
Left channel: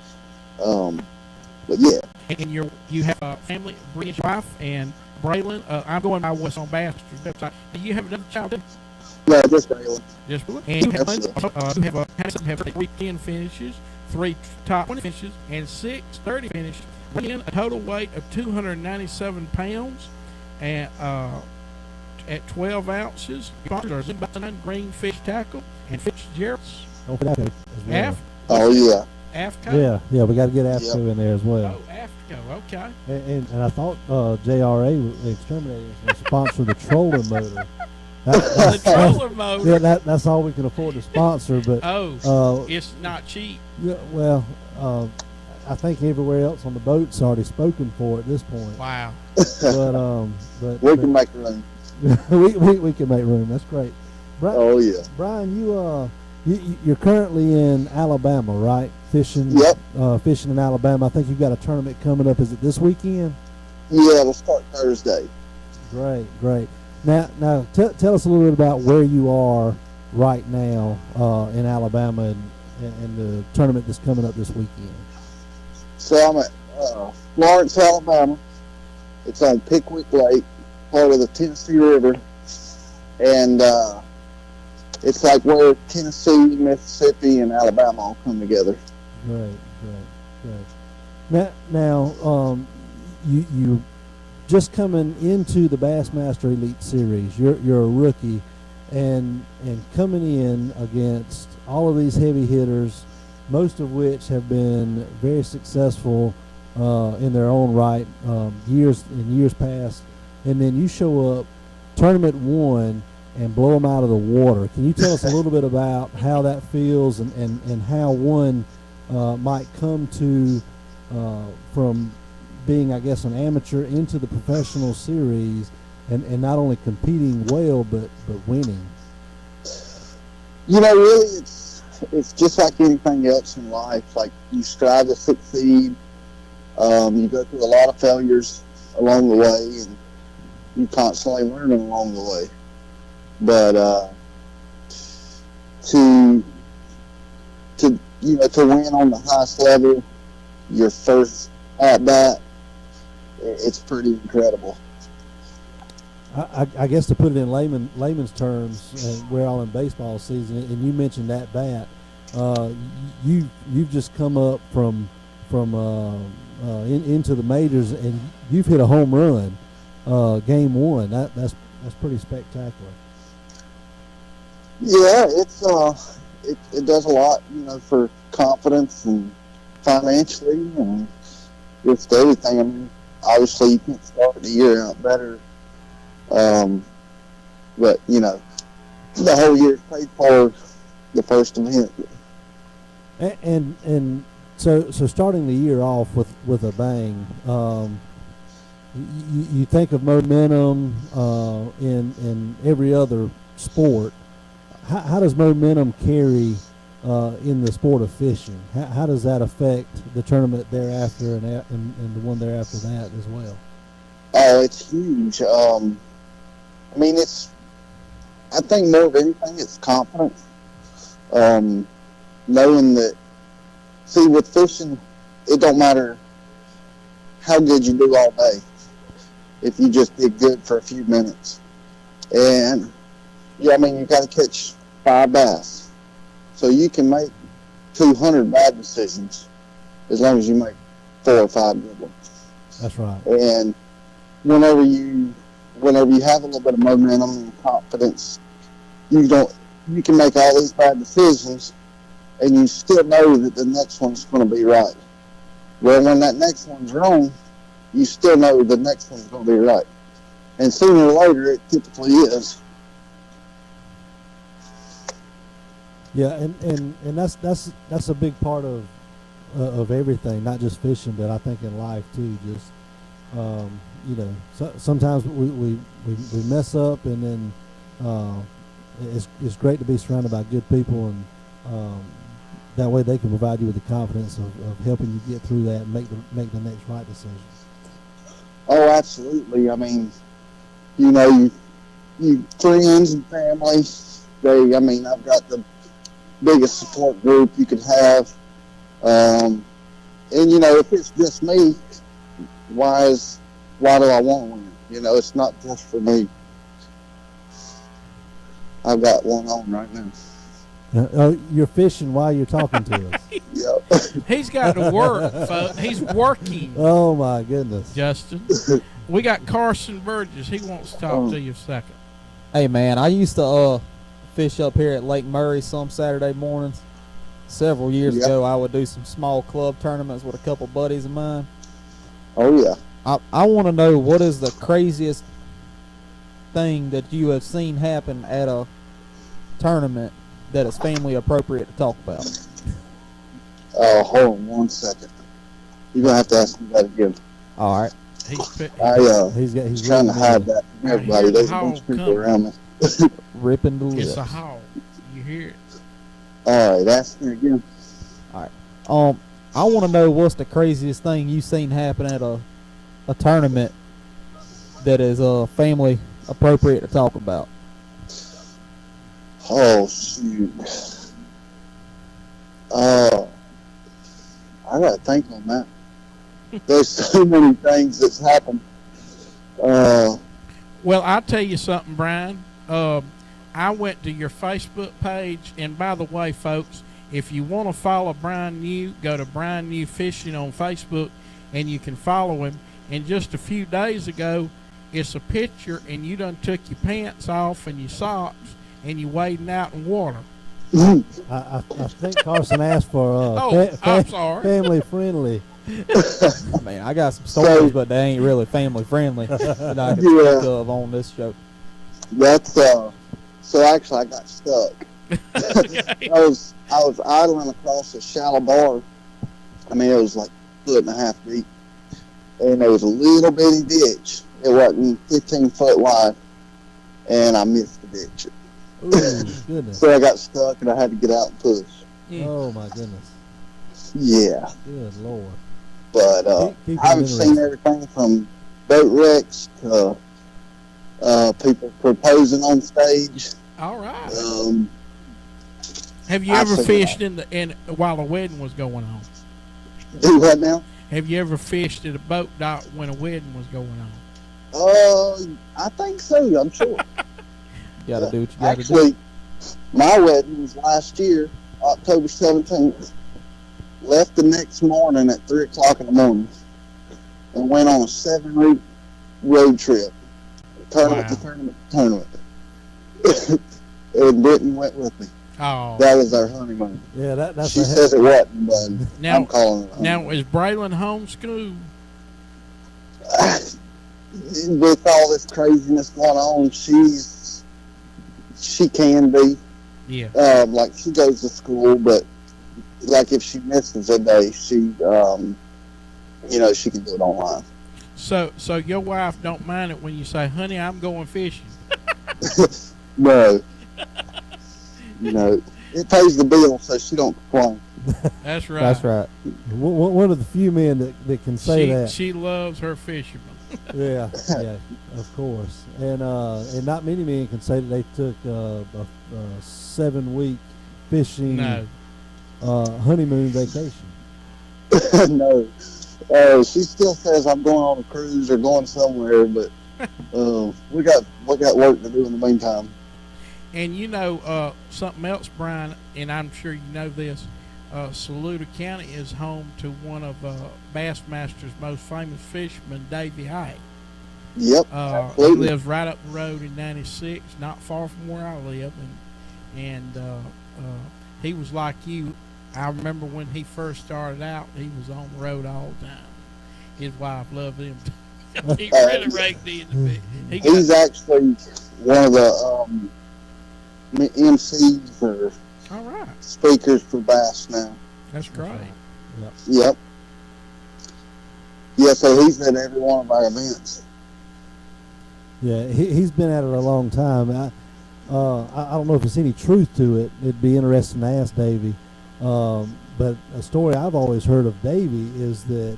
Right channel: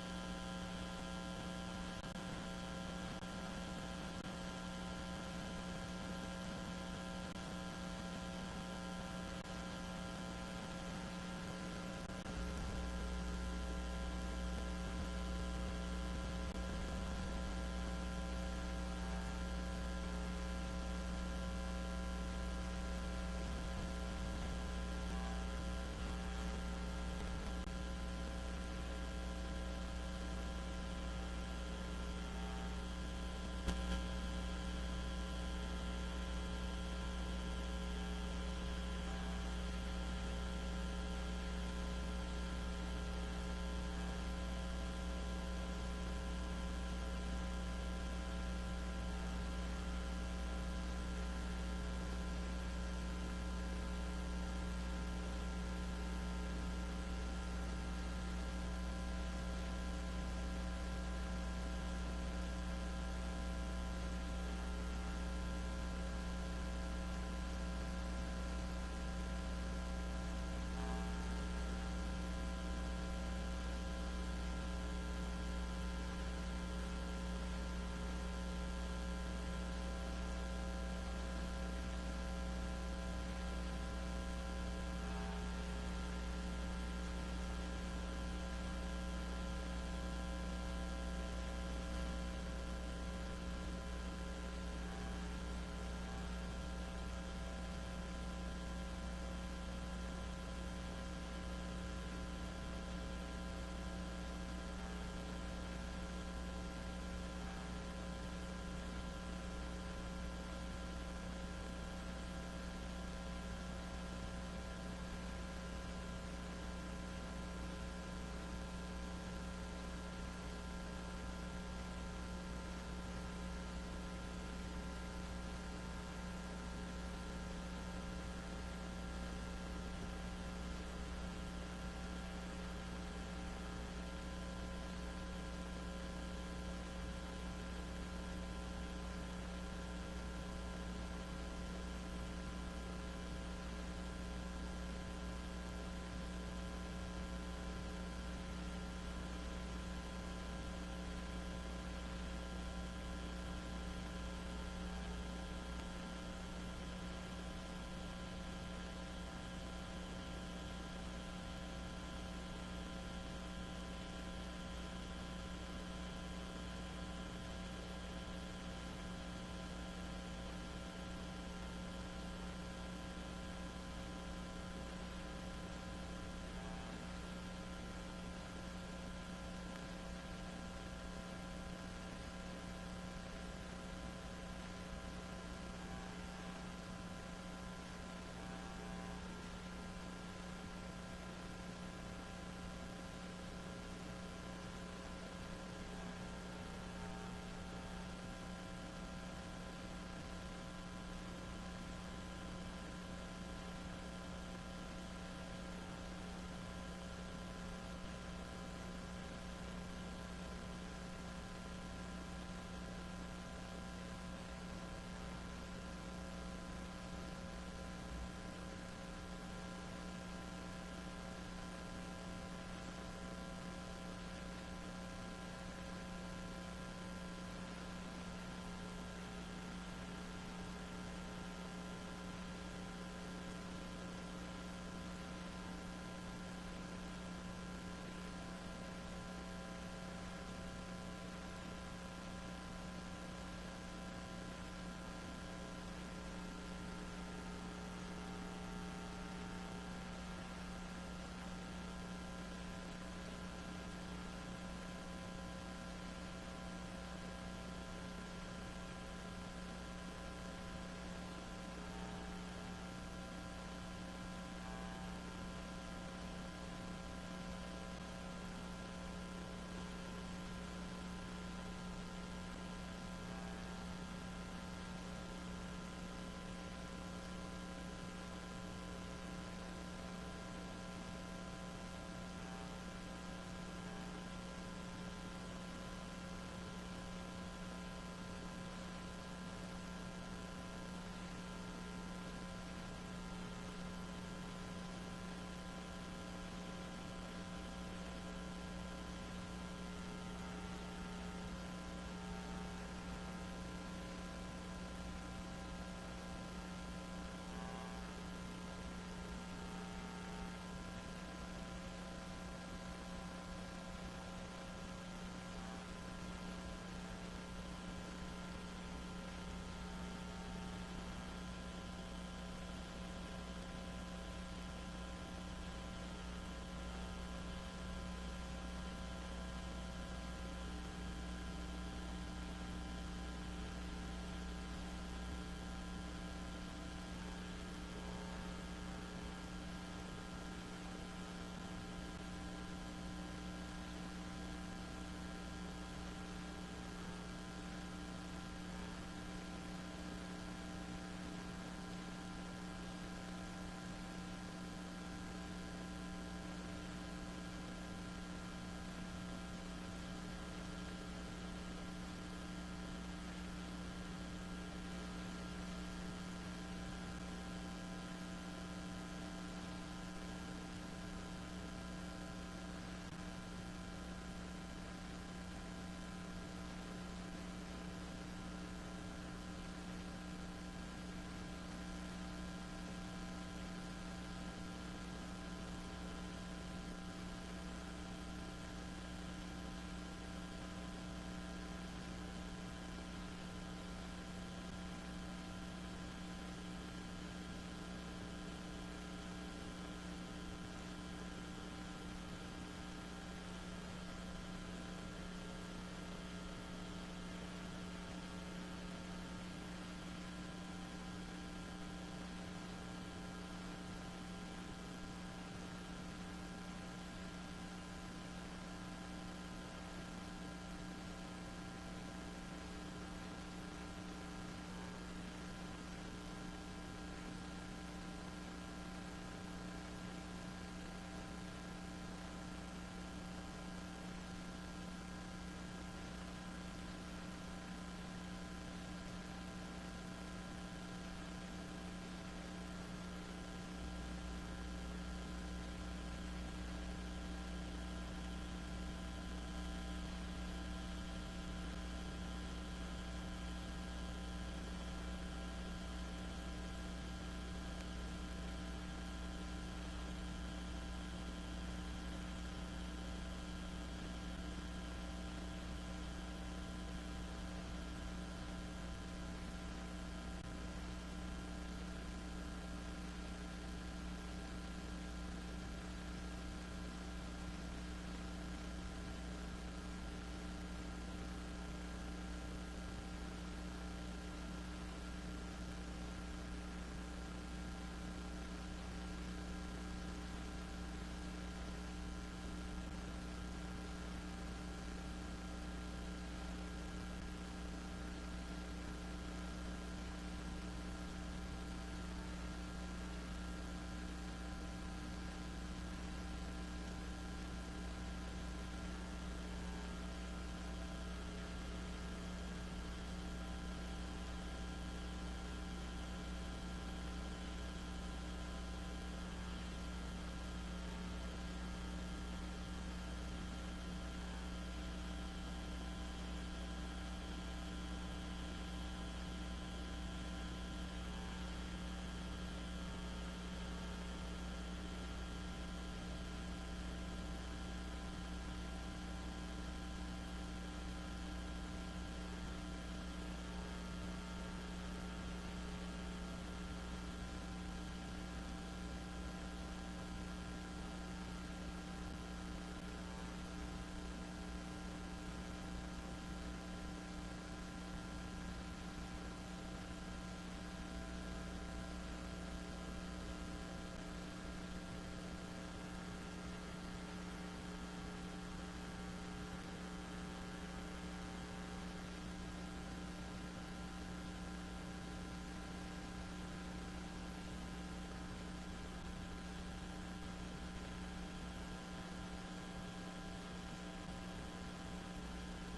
but yeah. And you have a family, Bridge wife, and Braylon. I'm going by what's on Bass's website. Do you have another child? No, just Braylon. Just Braylon. And you have 3 10 finishes, 3 top 20 finishes, and 6 30 finishes. Bringing a total weight of 297 pounds, and at 12 ounces. Sponsors are Green Fish Tackle and Fitzgerald's. Don't forget that. Oh, yeah. AFCO? Yeah, we got to get AFCO Yep. in there as well. Oh, AFCO, okay. And I thought JRA, the exterminator, was sponsor the troller motor. The troller motor. Yeah, that's all we can afford to sponsor. But It's not cheap. yeah, well, I think everywhere else on the boat's already spoken for at this point. Wow. But We can make room. we can make room. That's great. Oh yeah. Brian, you're currently in Alabama, right? Fishing. Yep. Fishing in Alabama. I think you've got a tournament coming up. Is it this weekend? Yeah, we'll start Thursday. Great. Now, tell us a little bit about where you are right now in Alabama and the tournament that's coming up this weekend. So I'm at Florence, Alabama. It's on Pickwick Lake, part of the Tennessee River, and it's like where Tennessee, Mississippi, and Alabama all come together. Great. Now, you just coming into the Bassmaster Elite Series. You're a rookie, and coming in against all of these heavy hitters, most of which have been very successful in their own right, years past, and then you show up, tournament one, and blow them out of the water. Can you tell us a little bit about how that feels and how one might come to from being, I guess, an amateur into the professional series and not only competing well but winning? Really, it's just like anything else in life. Like, you strive to succeed. You go through a lot of failures along the way, and you constantly learning along the way. But to win on the highest level, your first at bat, it's pretty incredible. I guess to put it in layman's terms, we're all in baseball season, and you mentioned that bat. You've just come up from into the majors, and you've hit a home run, game one. That's pretty spectacular. Yeah, it does a lot, for confidence and financially and just everything. I mean, obviously you can start the year out better, but the whole year is paid for the first event. And so starting the year off with a bang, you think of momentum in every other sport. How does momentum carry in the sport of fishing? How does that affect the tournament thereafter and the one thereafter that as well? Oh, it's huge. I mean, I think more of anything, it's confidence. Knowing that, see, with fishing, it don't matter how good you do all day if you just did good for a few minutes. And, yeah, I mean, you got to catch 5 bass. So you can make 200 bad decisions as long as you make 4 or 5 good ones. That's right. And whenever you have a little bit of momentum and confidence, you can make all these bad decisions, and you still know that the next one's going to be right. Well, when that next one's wrong, you still know the next one's going to be right. And sooner or later, it typically is. Yeah, and that's a big part of everything, not just fishing, but I think in life too. Just sometimes we mess up, and then it's great to be surrounded by good people, and that way they can provide you with the confidence of helping you get through that and make the next right decision. Oh, absolutely. I mean, you friends and family. I've got the biggest support group you could have. And if it's just me, why do I want one? It's not just for me. I've got one on right now. You're fishing while you're talking to us. Yep. He's got to work, folks. He's working. Oh my goodness, Justin. We got Carson Burgess. He wants to talk to you a second. Hey man, I used to fish up here at Lake Murray some Saturday mornings. several years Yep. ago, I would do some small club tournaments with a couple buddies of mine. Oh yeah. I want to know what is the craziest thing that you have seen happen at a tournament that is family appropriate to talk about. Hold on 1 second. You're gonna have to ask me that again. All right. He's Trying to hide that from I everybody. hear the There's a bunch howl of people coming. around me. Ripping the lips. It's a howl. You hear it? All right, ask me again. I want to know what's the craziest thing you've seen happen at a tournament that is family appropriate to talk about. Oh shoot. I gotta think on that. There's so many things that's happened. Well, I'll tell you something, Brian. I went to your Facebook page, and by the way, folks, if you want to follow Brian New, go to Brian New Fishing on Facebook, and you can follow him. And just a few days ago, it's a picture, and you done took your pants off and your socks, and you wading out in water. I think Carson asked for I'm sorry. family friendly. Man, I got some stories, but they ain't really family friendly that I can think of on this show. That's so actually I got stuck. I was idling across a shallow bar. I mean, it was like a foot and a half deep, and there was a little bitty ditch. It wasn't 15 foot wide, and I missed the ditch. Ooh, goodness. So I got stuck, and I had to get out and push. Oh my goodness. Yeah, Good Lord. but Keep it I've seen everything from boat wrecks to people proposing on stage. All right. Have you I've ever seen fished while a wedding was going on? Do what now? Have you ever fished at a boat dock when a wedding was going on? I think so. I'm sure. You gotta do what you gotta do. Actually, my wedding was last year, October 17th. Left the next morning at 3 o'clock in the morning and went on a 7-week road trip. Tournament to tournament to tournament. And Brittany went with me. Oh. That was our honeymoon. Yeah, that's She says it wasn't, but Now- I'm calling it. Now, is Braylon homeschooled? With all this craziness going on, she can be. Yeah. Like she goes to school, but like if she misses a day, she she can do it online. So your wife don't mind it when you say, "Honey, I'm going fishing." No, it pays the bill, so she don't complain. That's right. That's right. One of the few men that can say that. She loves her fishermen. Yeah, of course. And not many men can say that they took a 7-week fishing honeymoon vacation. No. She still says I'm going on a cruise or going somewhere, but we got work to do in the meantime. And something else, Brian, and I'm sure you know this, Saluda County is home to one of Bassmaster's most famous fishermen, Davey Hite. Yep, He absolutely. lives right up the road in 96, not far from where I live, and he was like you. I remember when he first started out, he was on the road all the time. His wife loved him. He really raked in a bit. He's actually one of the MCs or all right. speakers for Bass now. That's great. Yep. Yeah, so he's at every one of our events. Yeah, he's been at it a long time. I don't know if there's any truth to it. It'd be interesting to ask Davey. But a story I've always heard of Davey is that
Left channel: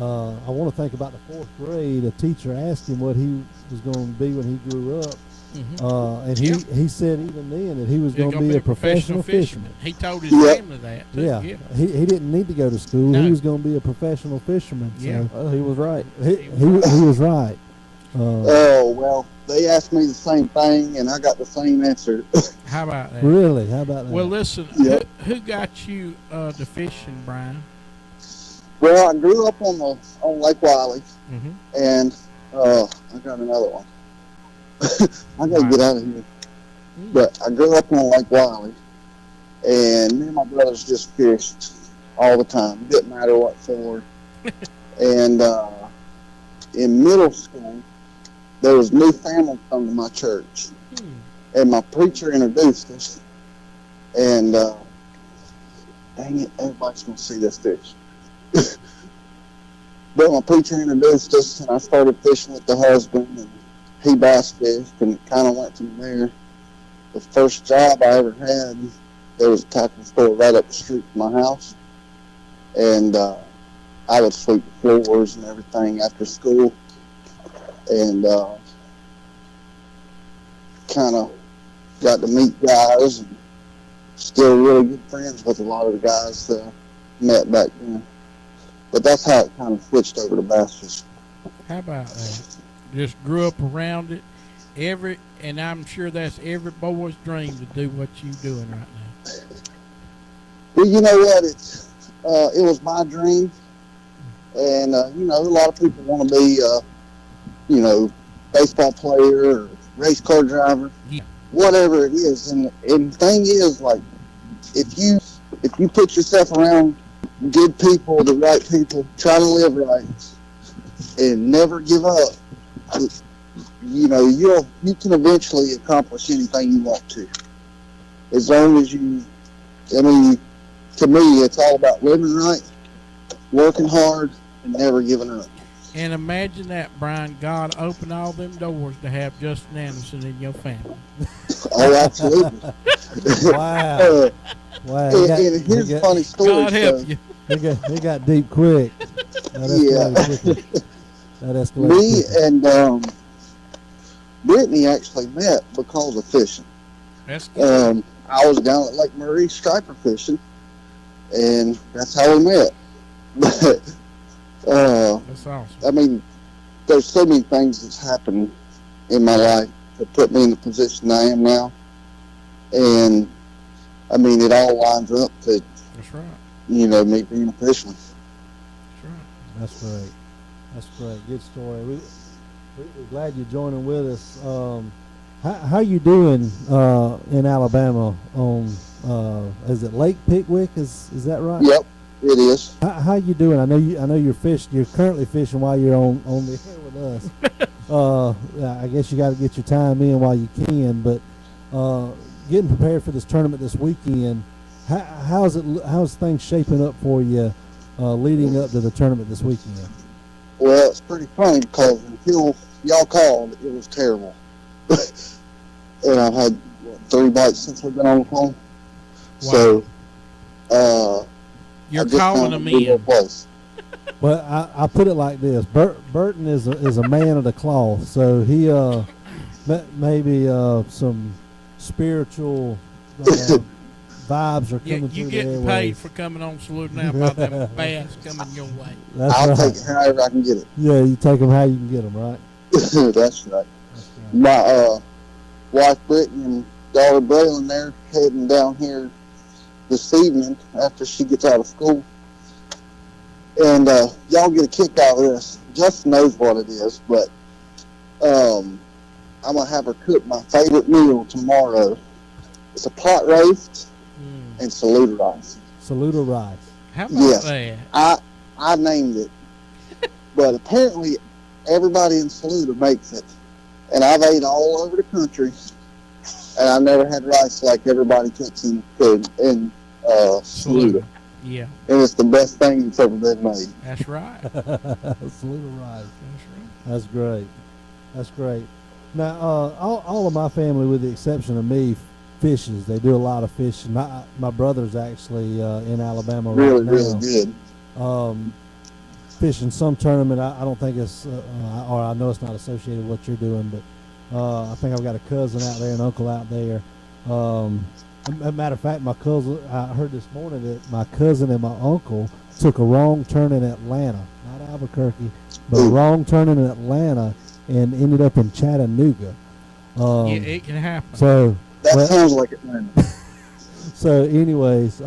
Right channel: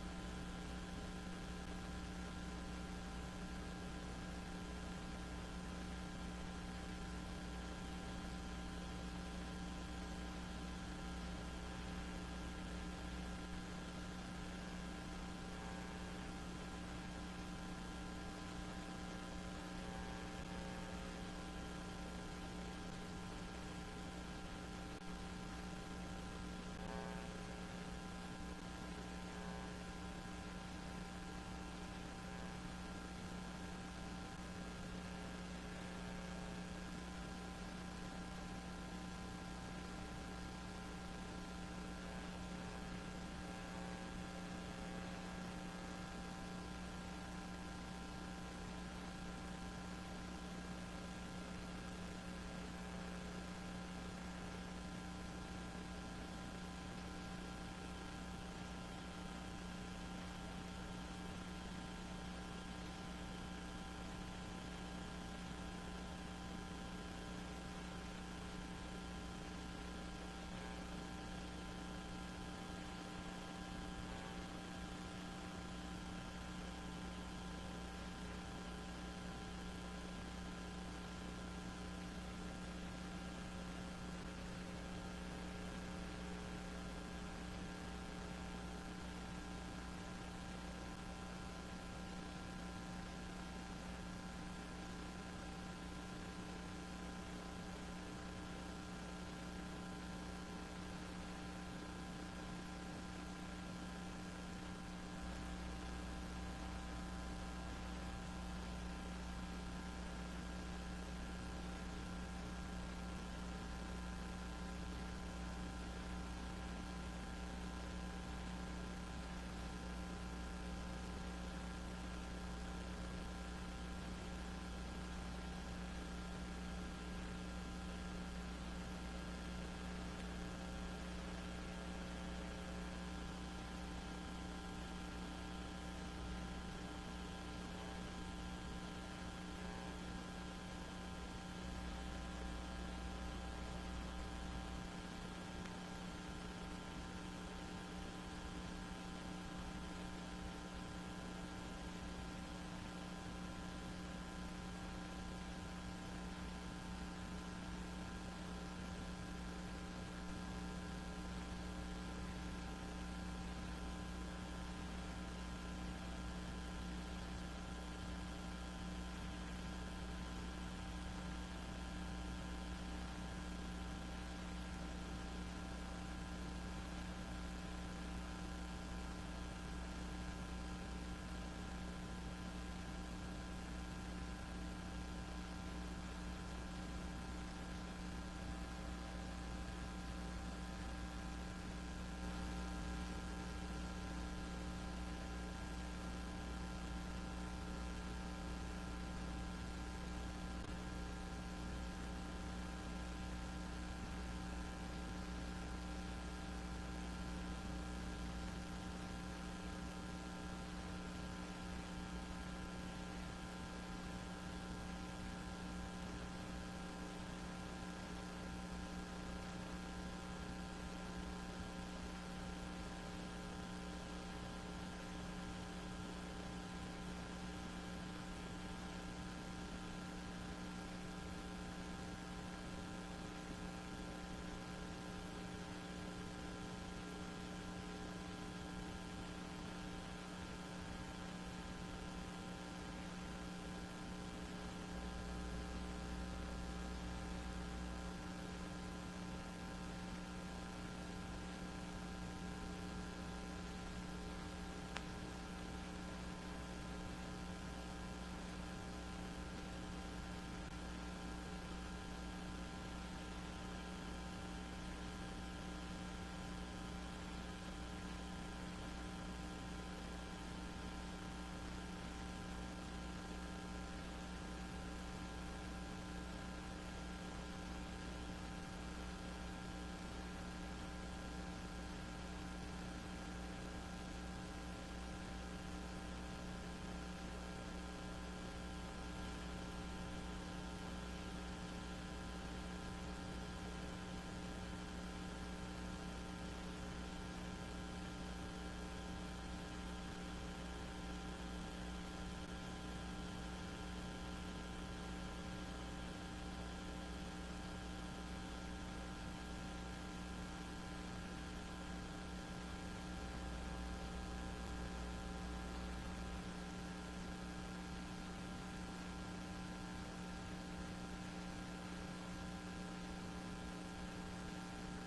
I want to think about the 4th grade. A teacher asked him what he was going to be when he grew up, and he said even then that he was going to be a professional fisherman. He told his family that. Too. Yeah, he didn't need to go to school. No. He was going to be a professional fisherman. Yeah. So Well, he was right. he was right. Well, they asked me the same thing, and I got the same answer. How about that? Really? How about that? Well, listen, Yep. who got you to fishing, Brian? Well, I grew up on Lake Wiley, Mm-hmm. and I got another one. I gotta get out of here. But I grew up on Lake Wiley, and me and my brothers just fished all the time. Didn't matter what for. And in middle school, there was new family come to my church, and my preacher introduced us. And dang it, everybody's gonna see this fish. But my preacher introduced us, and I started fishing with the husband, and he bass fished, and it kind of went from there. The first job I ever had, there was a tackle store right up the street from my house, and I would sweep the floors and everything after school, and kind of got to meet guys, and still really good friends with a lot of the guys that I met back then. But that's how it kind of switched over to bass fishing. How about that? Just grew up around it. And I'm sure that's every boy's dream to do what you're doing right now. Well, you know what? It was my dream. And, you know, a lot of people want to be, you know, baseball player or race car driver, whatever it is. And the thing is, like, if you put yourself around good people, the right people, try to live right, and never give up, you know, you can eventually accomplish anything you want to. As long as you, I mean, to me, it's all about living right, working hard, and never giving up. And imagine that, Brian. God opened all them doors to have Justin Anderson in your family. Oh, absolutely. Wow. Wow. And here's a funny story. God help you. They got deep quick. Yeah. That Me and Brittany actually met because of fishing. That's good. I was down at Lake Murray striper fishing, and that's how we met. But That's awesome. I mean, there's so many things that's happened in my life that put me in the position I am now, and I mean, it all lines up to, That's right. you know, me being a fisherman. That's great. That's great. Good story. We're glad you're joining with us. How you doing in Alabama on is it Lake Pickwick? Is that right? Yep, it is. How you doing? I know you're fishing. You're currently fishing while you're on the air with us. I guess you got to get your time in while you can. But getting prepared for this tournament this weekend, how's things shaping up for you leading up to the tournament this weekend? Well, it's pretty funny because until y'all called, it was terrible. And I've had 3 bites since we've been on the phone. Wow. So, You're I just calling found them a good little in. place. But I put it like this: Burton is a man of the cloth, so he maybe some spiritual vibes are coming You through getting the paid airwaves. for coming on Salute Now by them bass coming your way. That's I'll right. take it however I can get it. Yeah, you take them how you can get them, right? That's right. My wife Brittany and daughter Braylon, they're heading down here this evening after she gets out of school. And y'all get a kick out of this. Justin knows what it is, but I'm going to have her cook my favorite meal tomorrow. It's a pot roast and saluda rice. Saluda rice. How about Yes. that? I named it. But apparently everybody in Saluda makes it. And I've ate all over the country. And I've never had rice like everybody cooks in Saluda. Yeah, And it's the best thing that's ever been made. that's right. Saluda rice. That's great. That's great. Now, all of my family, with the exception of me, fishes. They do a lot of fishing. My brother's actually in Alabama Really, right now. really good. Fishing some tournament. I don't think it's, or I know it's not associated with what you're doing, but I think I've got a cousin out there, an uncle out there. As a matter of fact, my cousin, I heard this morning that my cousin and my uncle took a wrong turn in Atlanta, not Albuquerque, but a wrong turn in Atlanta and ended up in Chattanooga. Yeah, it can happen. So That sounds like it, man. so anyways,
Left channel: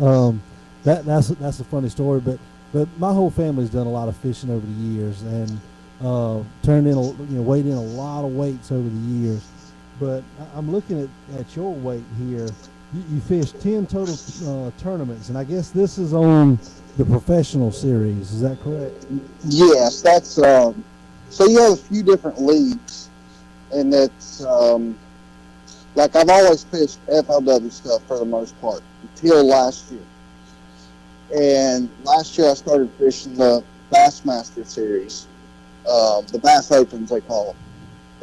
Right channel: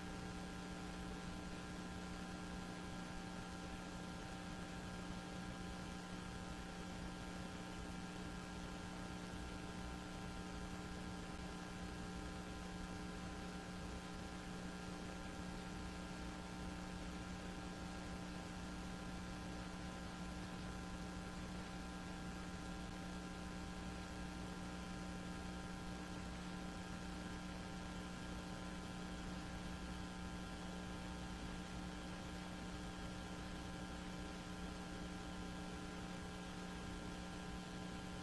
that's a funny story, but my whole family's done a lot of fishing over the years and turned in weighed in a lot of weights over the years. But I'm looking at your weight here. you fished 10 total tournaments, and I guess this is on the professional series. Is that correct? Yes, that's so you have a few different leagues, and it's like I've always fished FLW stuff for the most part until last year. And last year I started fishing the Bassmaster series, the Bass Opens they call it.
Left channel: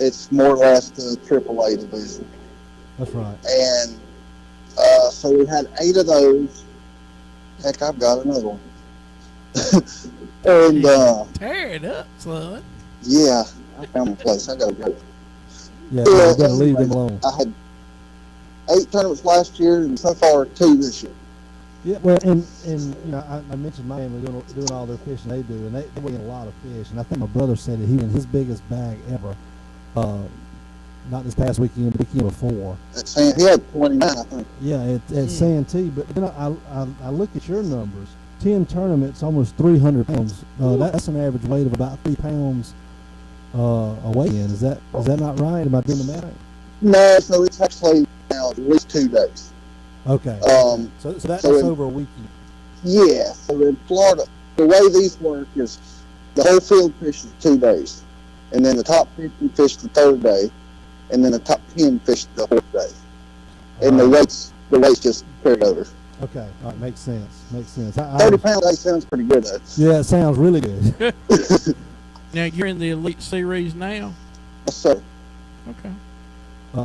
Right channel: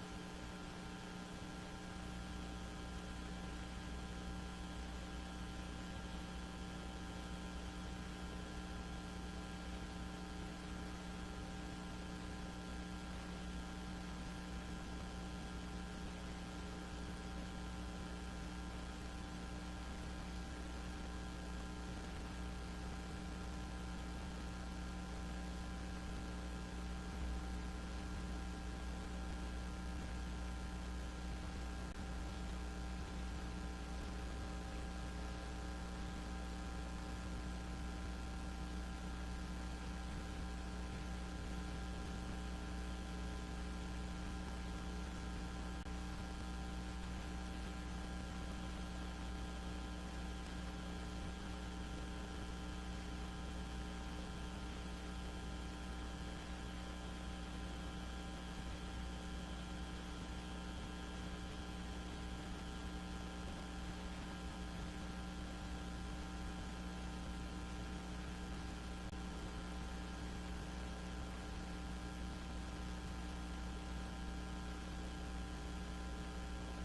It's more or less the AAA division. That's right. And so we had 8 of those. Heck, I've got another one. And tear it up, son. yeah, I found my place. I gotta go. Yeah, you gotta leave them alone. I had 8 tournaments last year, and so far 2 this year. Yeah, well, and you know, I mentioned my family doing all their fishing they do, and they weigh a lot of fish. And I think my brother said that he won his biggest bag ever. Not this past weekend, the weekend before. He had 29, I think. Yeah, at Santee. But then I look at your numbers. 10 tournaments, almost 300 pounds. That's an average weight of about 3 pounds a weigh-in. Is that not right? Am I doing the math? No, so it's actually now at least 2 days. Okay. So that's over a weekend. Yeah. So in Florida, the way these work is the whole field fishes 2 days, and then the top 50 fish the 3rd day, and then the top 10 fish the 4th day, and the weights just carried over. Okay, all right, makes sense. 30 pounds, that sounds pretty good though. Yeah, it sounds really good. Now you're in the Elite Series now? Yes, sir. Okay.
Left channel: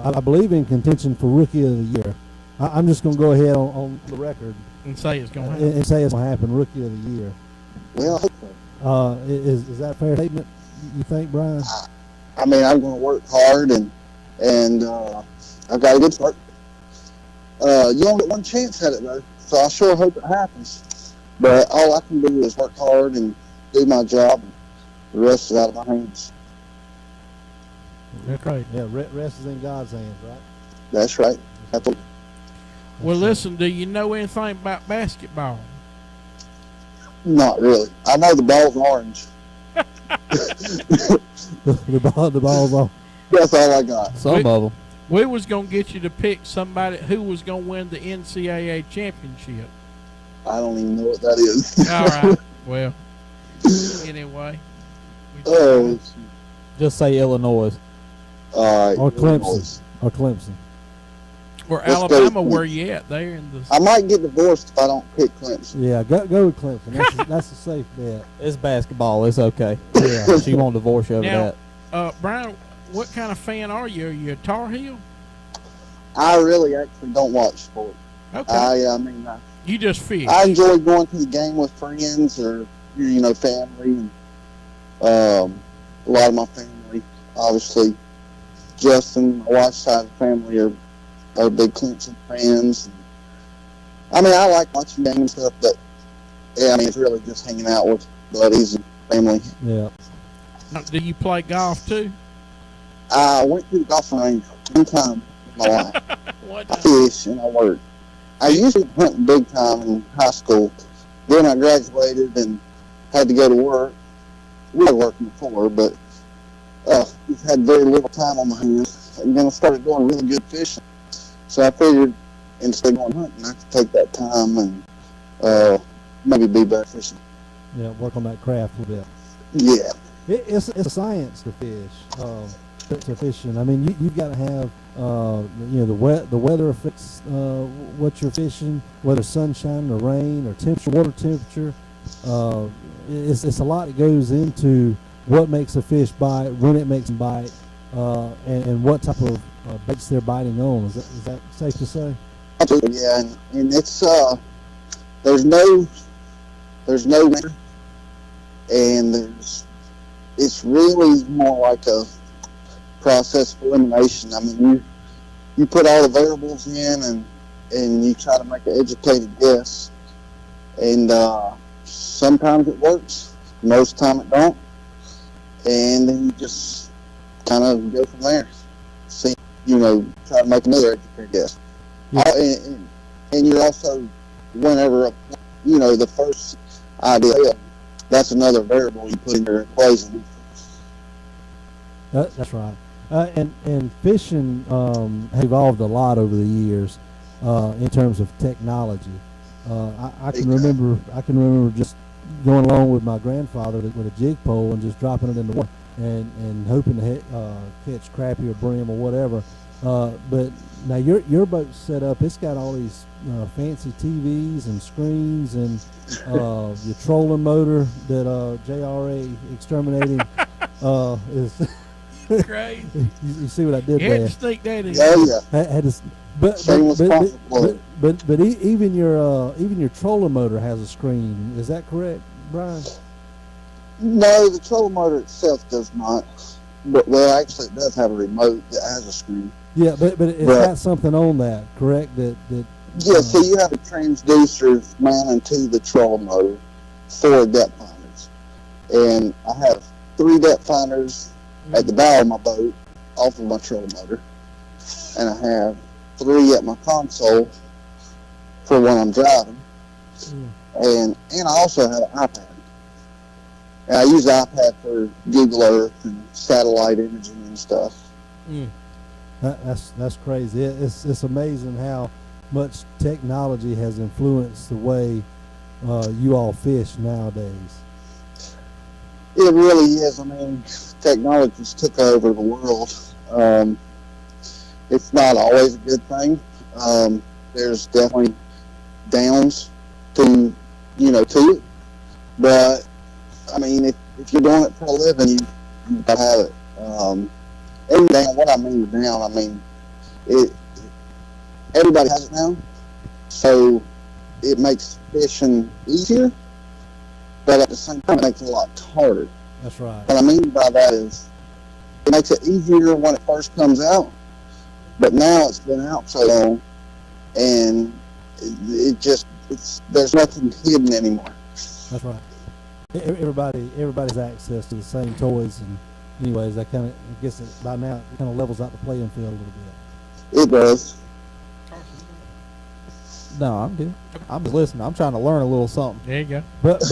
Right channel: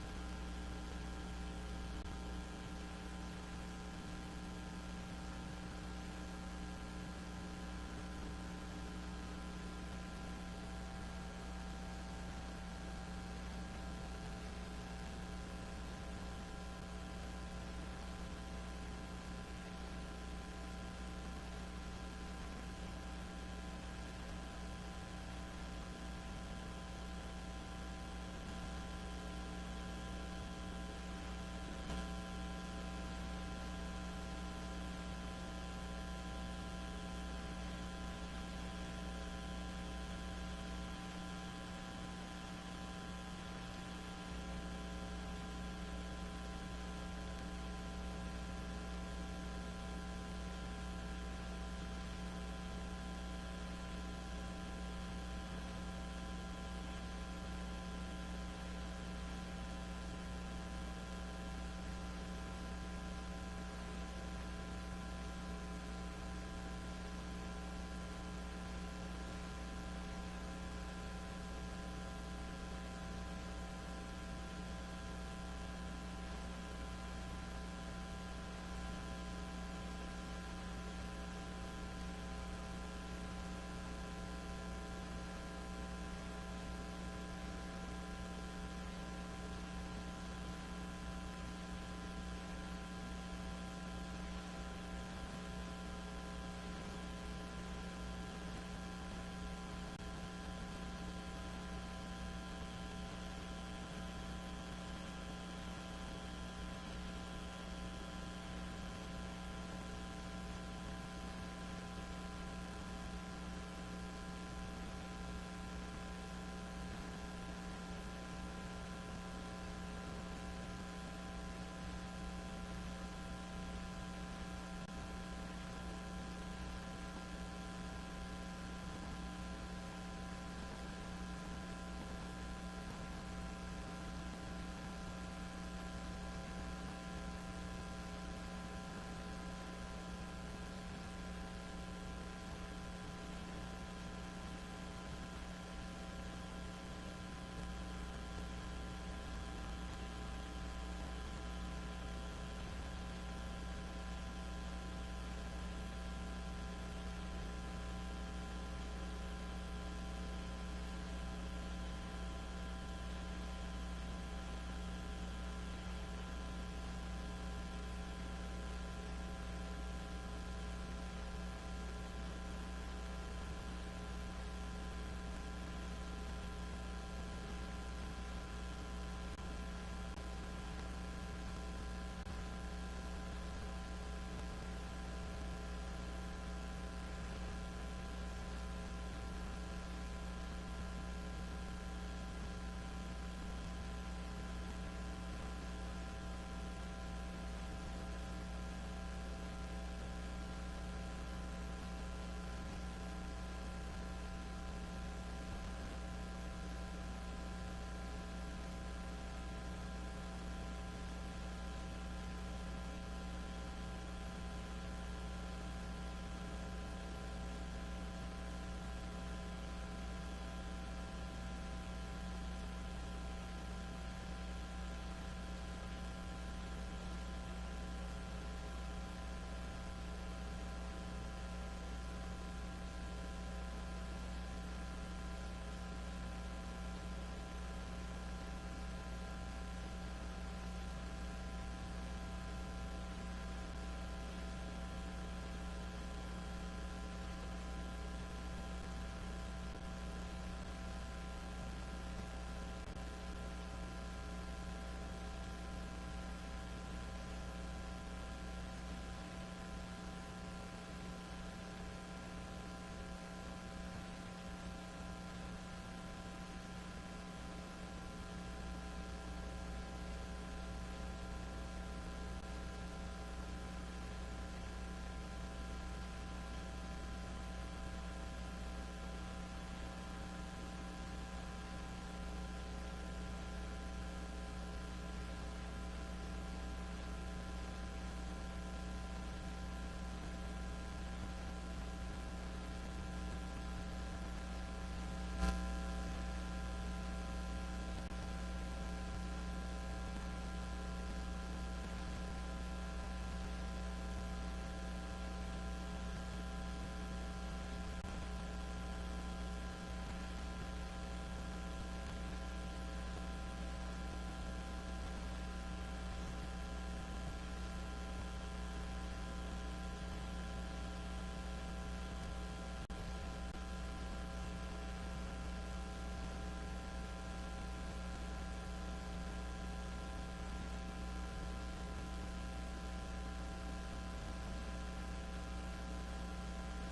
I believe in contention for Rookie of the Year. I'm just going to go ahead on the record and say it's going to happen. And say it's going to happen, Rookie of the Year. Well, I hope so. Is that a fair statement, you think, Brian? I mean, I'm going to work hard, and I've got a good start. You only get one chance at it, though, so I sure hope it happens. But all I can do is work hard and do my job, and the rest is out of my hands. That's right. Yeah, rest is in God's hands, right? That's right. Well, listen, do you know anything about basketball? Not really. I know the ball's orange. the ball's orange. That's all I got. Some of them. We was going to get you to pick somebody who was going to win the NCAA championship. I don't even know what that is. All right. Well, anyway. Oh. Just say Illinois. All right. Or Clemson. Or Alabama, where you at? There in the. I might get divorced if I don't pick Clemson. Yeah, go with Clemson. That's a safe bet. It's basketball. It's okay. Yeah. She won't divorce you over that. Brian, what kind of fan are you? Are you a Tar Heel? I really actually don't watch sport. Okay. I mean, you just fish. I enjoy going to the game with friends or family. A lot of my family, obviously, Justin, my wife's side of the family are big Clemson fans. I mean, I like watching games and stuff, but yeah, I mean, it's really just hanging out with buddies and family. Yeah. Do you play golf too? I went to the golf range one time in my life. I fish and I work. I usually went big time in high school. Then I graduated and had to go to work. We were working before, but had very little time on my hands. And then I started doing really good fishing. So I figured instead of going hunting, I could take that time and maybe be better fishing. Yeah, work on that craft a little bit. Yeah. It's a science to fish, to fishing. I mean, you've got to have, the weather affects what you're fishing, whether sunshine or rain or temperature, water temperature. It's a lot that goes into what makes a fish bite, when it makes them bite, and what type of baits they're biting on. Is that safe to say? Absolutely, yeah. And it's there's no winter, and it's really more like a process of elimination. I mean, you put all the variables in, and you try to make an educated guess, and sometimes it works, most time it don't, and then you just kind of go from there. See, try to make another educated guess. Yeah. And you're also, whenever the first idea, that's another variable you put in your equation. That's right. And fishing has evolved a lot over the years. in terms of technology. I can remember just going along with my grandfather with a jig pole and just dropping it in the water and hoping to catch crappie or brim or whatever. But now your boat's set up. It's got all these fancy TVs and screens and your trolling motor that JRA Exterminating is. Crazy. You see what I did You there? had to sneak that in. Yeah, yeah. Had to, but even your trolling motor has a screen. Is that correct, Brian? No, the trolling motor itself does not. But well, actually, it does have a remote that has a screen. Yeah, but it's got something on that, correct? Yeah, so you have a transducer mounted to the trolling motor for depth finders, and I have 3 depth finders at the bow of my boat off of my trolling motor, and I have 3 at my console for when I'm driving, and I also have an iPad. And I use the iPad for Google Earth and satellite imaging and stuff. That's crazy. It's amazing how much technology has influenced the way you all fish nowadays. It really is. I mean, technology's took over the world. It's not always a good thing. There's definitely downs to it. But I mean, if you're doing it for a living, you gotta have it. And down, what I mean with down, I mean everybody has it now, so it makes fishing easier, but at the same time, it makes it a lot harder. That's right. What I mean by that is it makes it easier when it first comes out, but now it's been out so long, and there's nothing hidden anymore. That's right. Everybody's access to the same toys, and anyways, I guess by now it kind of levels out the playing field a little bit. It does. No, I'm good. I'm just listening. I'm trying to learn a little something. There you go. But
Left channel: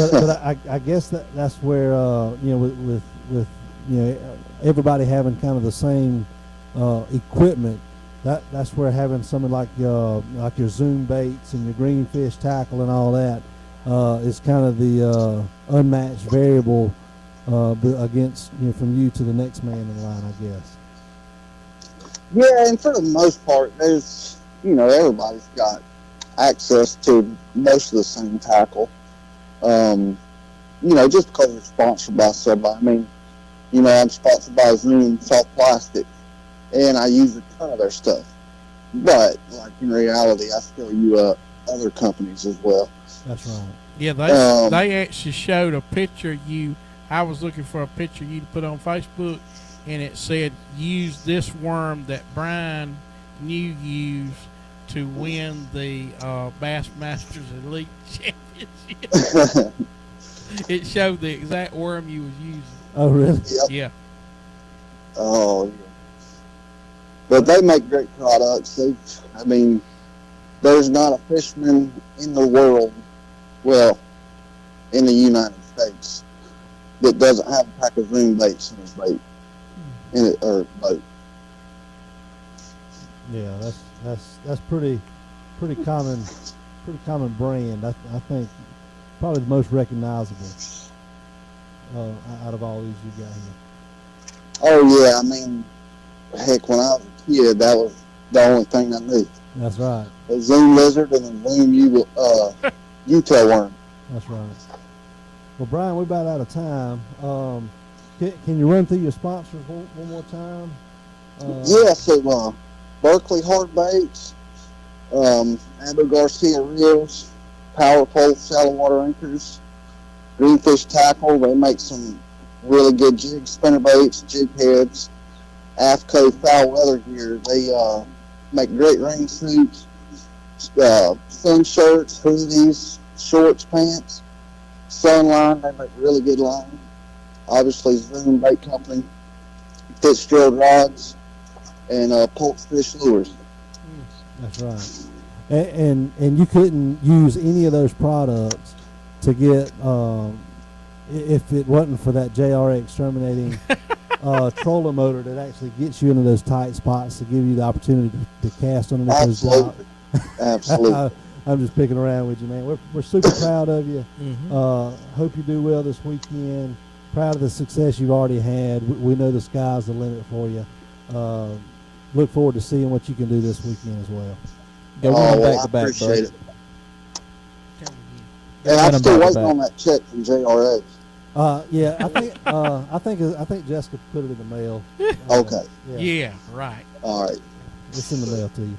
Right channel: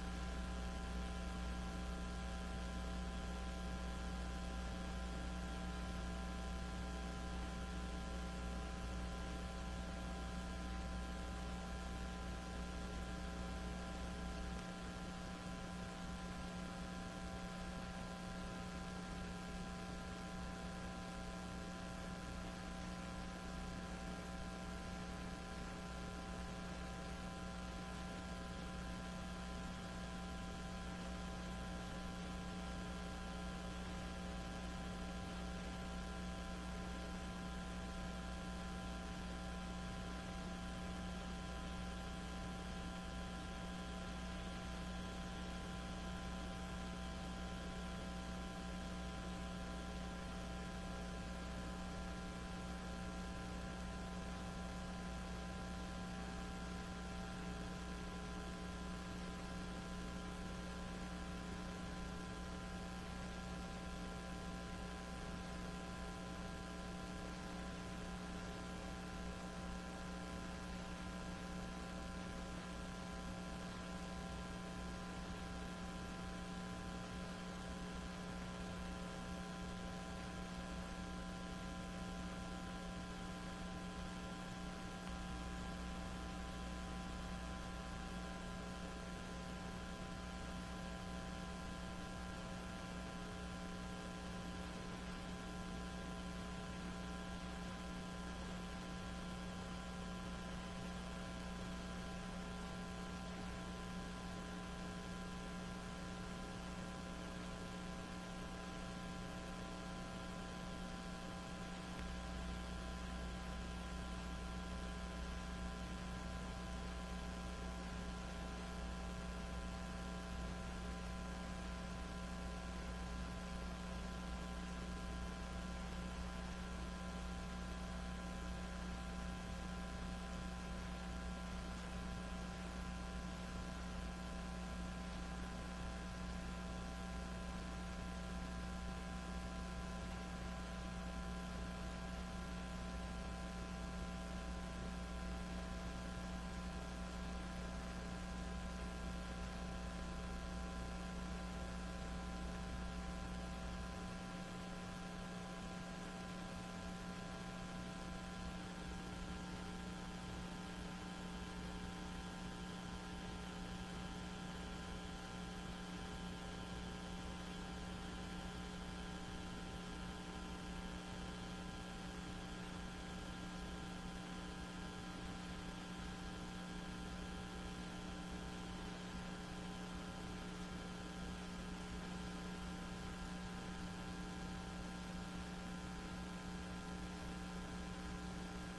I guess that's where with everybody having kind of the same equipment. That's where having something like your zoom baits and your greenfish tackle and all that is kind of the unmatched variable against from you to the next man in line, I guess. Yeah, and for the most part, there's everybody's got access to most of the same tackle. Just because it's sponsored by somebody. I mean, I'm sponsored by Zoom Soft Plastic, and I use a ton of their stuff. But in reality, I still use other companies as well. That's right. Yeah, they actually showed a picture of you. I was looking for a picture you to put on Facebook, and it said, use this worm that Brian New used to win the Bassmasters Elite Championship. It showed the exact worm you was using. Oh, really? Yep. Yeah. Oh, yeah. But they make great products. There's not a fisherman in the world, well, in the United States, that doesn't have a pack of zoom baits in his boat. Yeah, that's pretty common brand. I think probably the most recognizable out of all these you got here. Oh yeah, I mean, heck, when I was a kid, that was the only thing I knew. That's right. A zoom lizard and a zoom U-tail worm. That's right. Well, Brian, we're about out of time. Can you run through your sponsors one more time? Yeah, so Berkeley Hard Baits, Abu Garcia Reels, Power Pole Shallow Water Anchors, Greenfish Tackle. They make some really good jig spinner baits, jig heads. AFCO Foul Weather Gear. They make great rain suits, sun shirts, hoodies, shorts, pants. Sunline, they make really good line. Obviously, Zoom Bait Company, Fitzgerald Rods, and Pulse Fish Lures. That's right. And you couldn't use any of those products to get if it wasn't for that JRA Exterminating trolling motor that actually gets you into those tight spots to give you the opportunity to cast underneath those Absolutely. I'm just picking around with you, man. We're super proud of you. Mm-hmm. Hope you do well this weekend. Proud of the success you've already had. We know the sky's the limit for you. Look forward to seeing what you can do this weekend as well. Go well, back I to back, appreciate bud. it. And I'm Run 'em still back to waiting back. on that check from JRA. Yeah, I think Jessica put it in the mail. Okay. Yeah, right. All right. It's in the mail to you.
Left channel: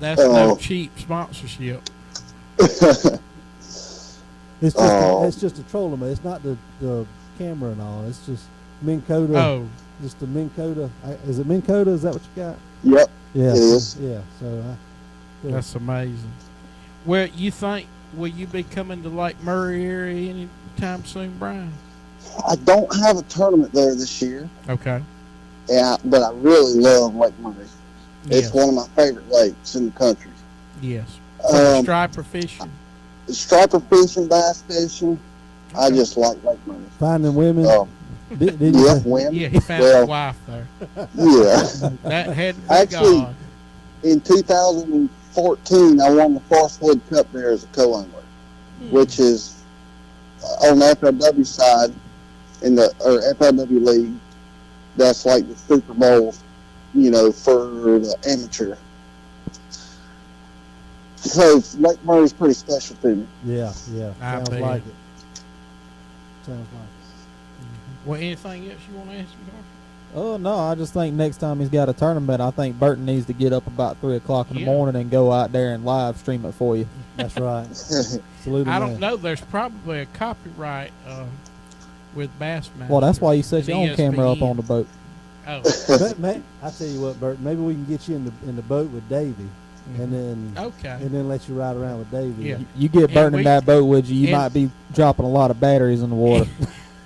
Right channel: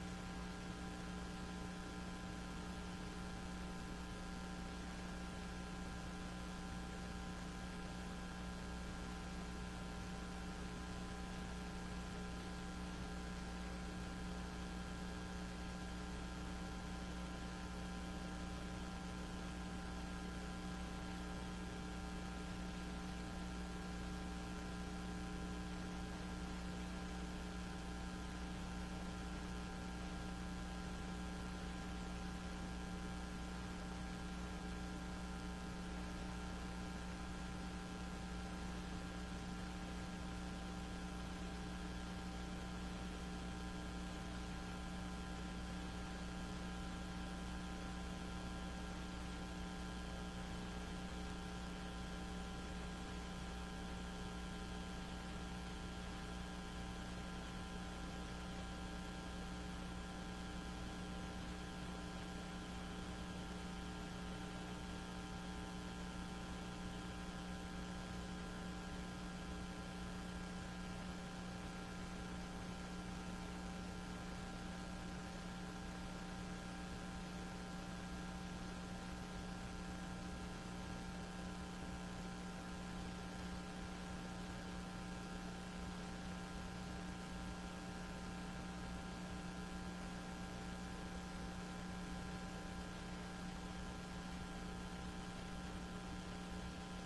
That's no cheap sponsorship. It's just Oh. it's just a trolling. It's not the camera and all. It's just Minn Kota. Oh, Just the Minn Kota. Is it Minn Kota? Is that what you got? Yep. Yeah. It is. Yeah. So. Yeah. that's amazing. Well, you think will you be coming to Lake Murray area anytime soon, Brian? I don't have a tournament there this year, Okay. but I really love Lake Murray. It's Yes. one of my favorite lakes in the country. Yes. For Um, striper fishing. striper fishing, bass fishing. I just like Lake Murray. Finding women. Um, Did you yeah, say- when? Yeah, he found well, a wife there. Yeah. That had to be Actually, God. In 2014, I won the Forestwood Cup there as a co-angler, which is on the FLW side or FLW league. That's like the Super Bowl, for the amateur. So Lake Murray's pretty special to me. Yeah. I Sounds bet. like it. Sounds like Well, anything else you want to ask me? Oh no, I just think next time he's got a tournament, I think Burton needs to get up about 3 o'clock in the Yeah. morning and go out there and live stream it for you. it. That's right. Salute I him, don't man. know. There's probably a copyright with Bassmaster. Well, that's why you set and your own camera up ESPN. on the boat. Oh, I tell you what, Bert. Maybe we can get you in the boat with Davey, and okay. then let you ride around with Davey. Yeah. You get And Burton we- in that boat with you, you and- might be dropping a lot of batteries in the water.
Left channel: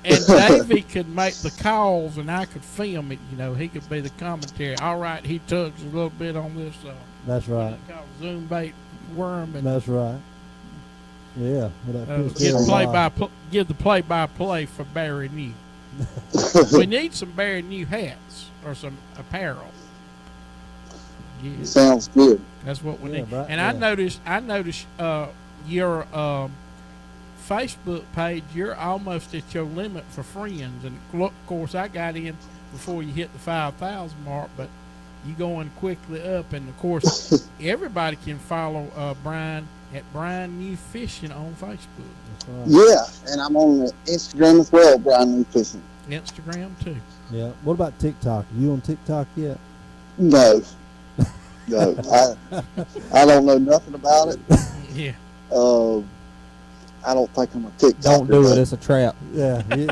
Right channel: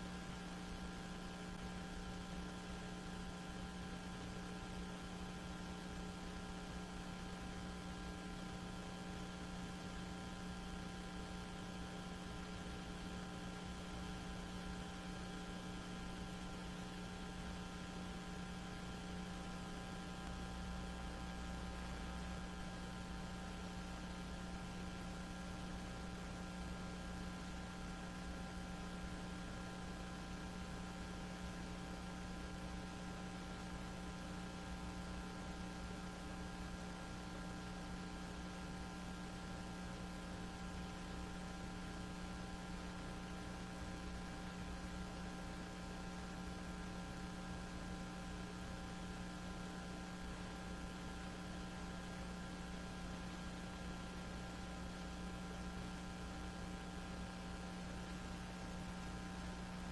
And Davey could make the calls, and I could film it. He could be the commentary. All right, he tugs a little bit on this. That's right. Zoom bait worm, and That's right. Yeah. Well, that fish give there give the play-by-play for Barry New. We need some Barry New hats or some apparel. Yeah, Sounds good. that's what we Yeah, need. right, And yeah. I noticed your Facebook page. You're almost at your limit for friends, and of course I got in before you hit the 5,000 mark, but you going quickly up, and of course Mm-hmm. everybody can follow Brian at Brian New Fishing on Facebook, Yeah, and I'm on the Instagram as well, Brian New Fishing. Instagram too. Yeah. What about TikTok? You on TikTok yet? No. No. I don't know nothing about it. Yeah. I don't think I'm a TikToker. Don't do it; but- it's a trap. Yeah. You're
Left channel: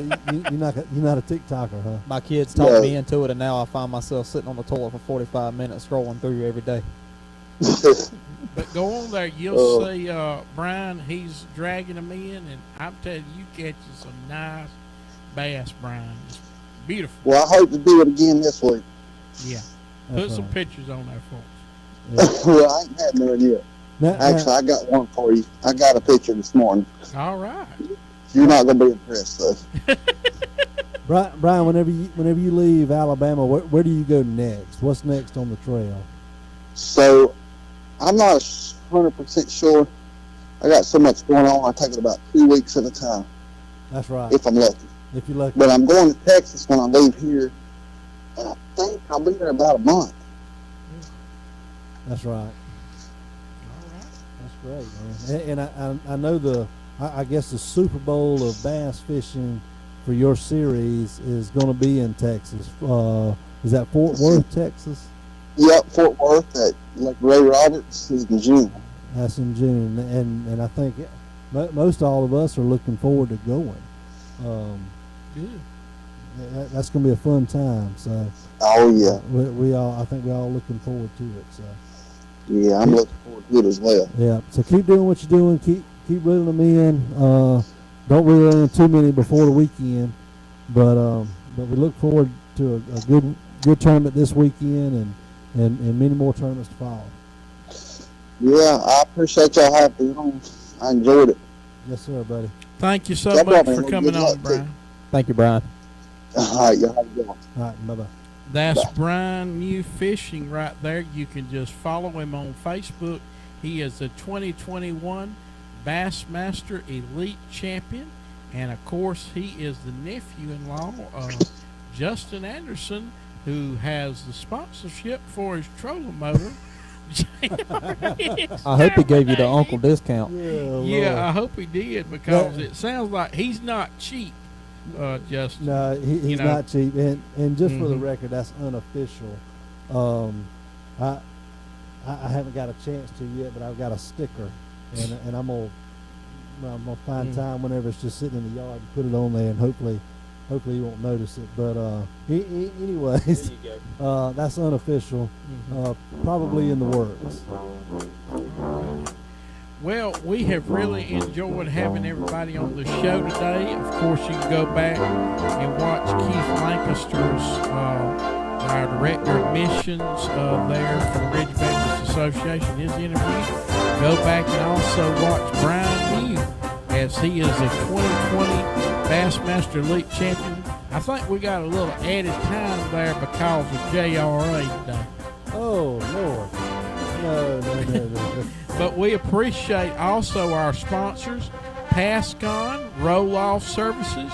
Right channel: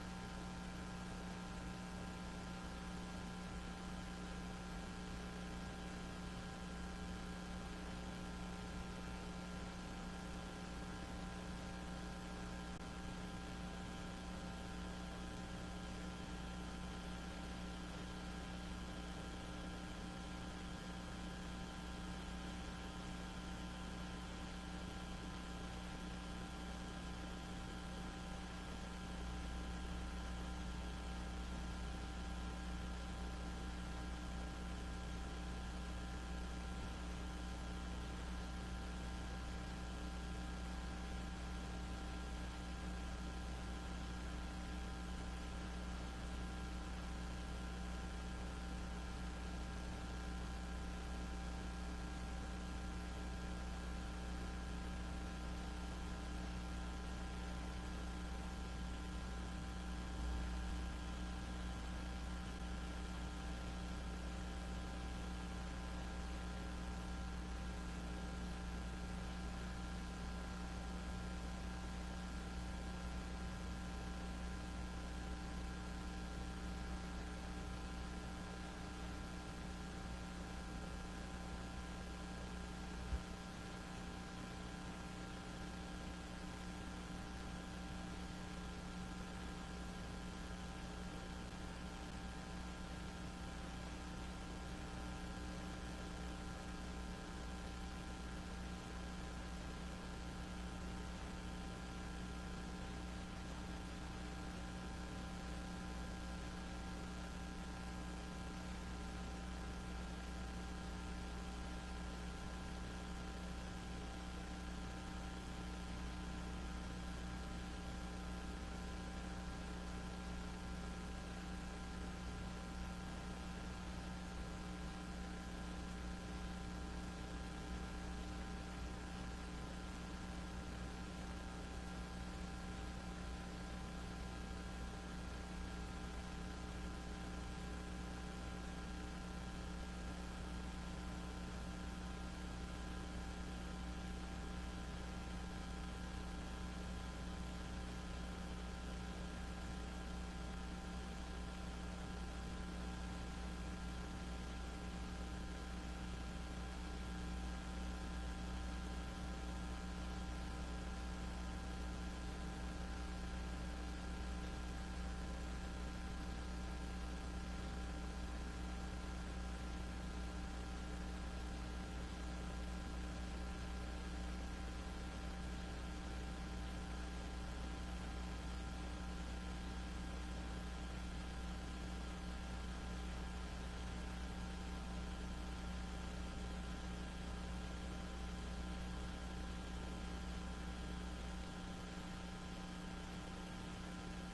not a TikToker, huh? My kids talked No. me into it, and now I find myself sitting on the toilet for 45 minutes scrolling through every day. But go on there, you'll Oh. see Brian. He's dragging them in, and I'm telling you, catching some nice bass, Brian. It's beautiful. Well, I hope to do it again this week. Yeah. That's Put some right. pictures on there for us. Well, I ain't had none yet. Now, Actually, I got one for you. I got a picture this morning. All right. You're not going to be impressed, though. Brian, whenever you leave Alabama, where do you go next? What's next on the trail? So, I'm not 100% sure. I got so much going on, I take it about 2 weeks at a time, That's right. if I'm lucky. If you're lucky. But I'm going to Texas when I leave here, and I think I'll be there about a month. That's right. That's great, man. And I know I guess the Super Bowl of bass fishing for your series is going to be in Texas. Is that Fort Worth, Texas? Yep, Fort Worth at Lake Ray Roberts is in June. That's in June, and I think most all of us are looking forward to going. That's going to be a fun time. So Oh, yeah. I think we're all looking forward to it. So Yeah, I'm looking forward to it as well. yeah, so keep doing what you're doing. Keep reeling them in. Don't reel in too many before the weekend, but we look forward to a good tournament this weekend and many more tournaments to follow. Yeah, I appreciate y'all having me on. I enjoyed it. Yes, sir, buddy. Thank you so Yeah, much man. for Well, coming good on, luck, too. Brian. Thank you, Brian. All right, y'all have a good one. All right, bye-bye. That's Brian New Fishing right there. You can just follow him on Facebook. He is the 2021 Bassmaster Elite Champion. And, of course, he is the nephew-in-law of Justin Anderson, who has the sponsorship for his trolling motor. I hope he gave you the uncle discount. Yeah, I hope he did, because it sounds like he's not cheap, Justin. No, he's not cheap. And just for the record, that's unofficial. I haven't got a chance to yet, but I've got a sticker, and I'm gonna find time whenever it's just sitting in the yard and put it on there, and hopefully you won't notice it. But anyways, that's unofficial. Probably in the works. Well, we have really enjoyed having everybody on the show today. Of course, you can go back and watch Keith Lancaster's, our director of missions there for the Ridge Baptist Association, his interview. Go back and also watch Brian New, as he is a 2020 Bassmaster Elite Champion. I think we got a little added time there because of JRA today. Oh, Lord. No. But we appreciate also our sponsors, Pascon Roll-Off Services.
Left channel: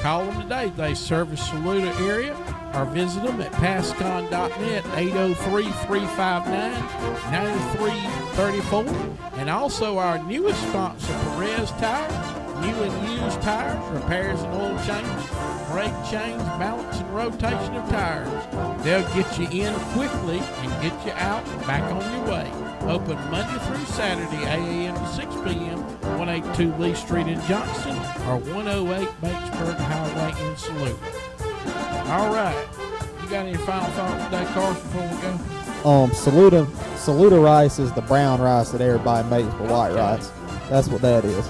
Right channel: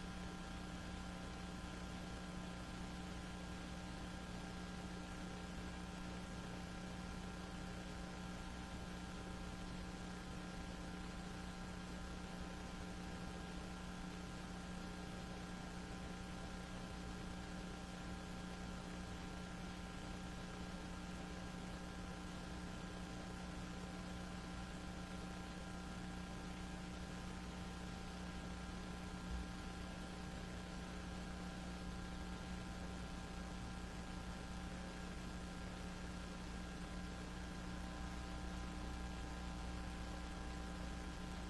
Call them today. They service Saluda area, or visit them at pascon.net, 803-359-9334. And also our newest sponsor, Perez Tires, new and used tires, repairs and oil changes, brake change, balance and rotation of tires. They'll get you in quickly and get you out and back on your way. Open Monday through Saturday, 8 a.m. to 6 p.m., 182 Lee Street in Johnston, or 108 Batesburg Highway in Saluda. All right. You got any final thoughts today, Carson, before we go? Saluda rice is the brown rice that everybody makes for white rice. That's what that is.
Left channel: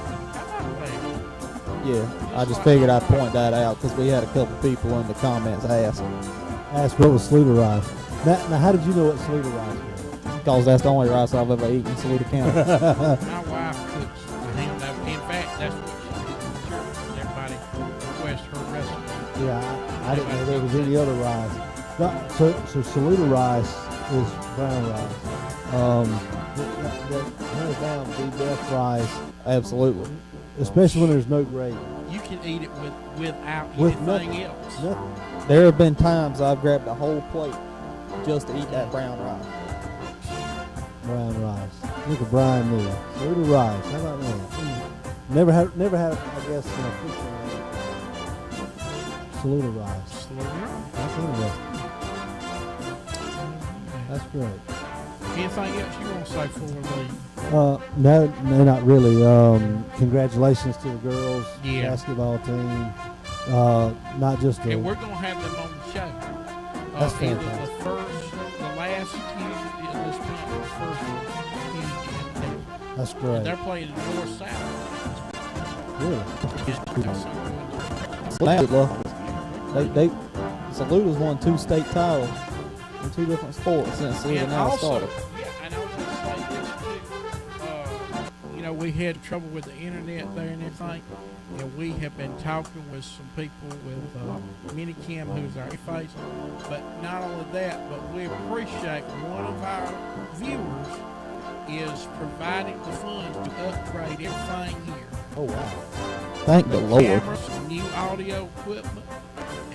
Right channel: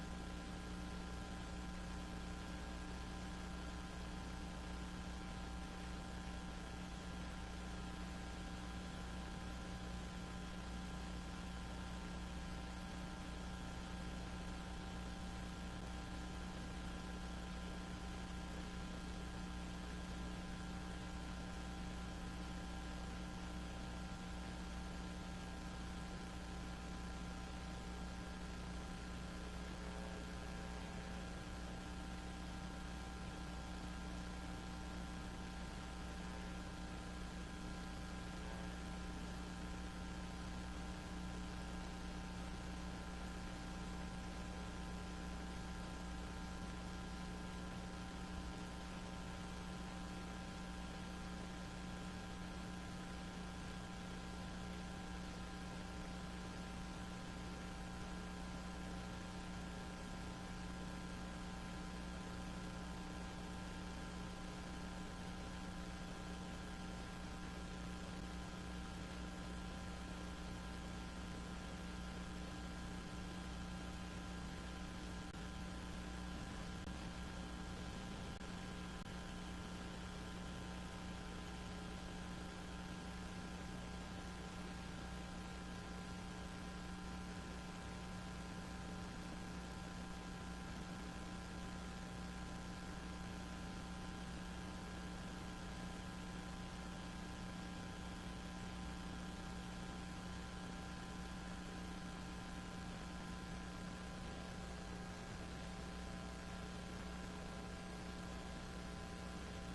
Yeah, I just figured I'd point that out because we had a couple people in the comments ask what was Saluda rice. Now, how did you know what Saluda rice was? Because that's the only rice I've ever eaten in Saluda County. My wife cooks him. In fact, that's what she did in church. Everybody requests her recipe. Yeah, I didn't know there was any other rice. So Saluda rice is brown rice. That hands down the best rice. Absolutely. Especially when there's no gravy. You can eat it without nothing anything else. Nothing. There have been times I've grabbed a whole plate just to eat that brown rice. Brown rice. Look at Brian Neal. Saluda rice. How about that? Never had. I guess Saluda rice. That's interesting. That's great. Anything else you want to say before we leave? No, not really. Congratulations to the girls basketball team. Not just and we're gonna have them on the show. That's either fantastic. the last community in this month, or the first community in there. That's great. And they're playing in North South. Really? They Saluda's won 2 state titles in 2 different sports since Saluda now started. Yeah, and I was going to say this too. We had trouble with the internet there and everything. We have been talking with some people with ManyCam, who's our face. But not only that, but we appreciate one of our viewers is providing the funds to upgrade everything here. Oh, wow. Thank the Lord. Cameras, new audio equipment,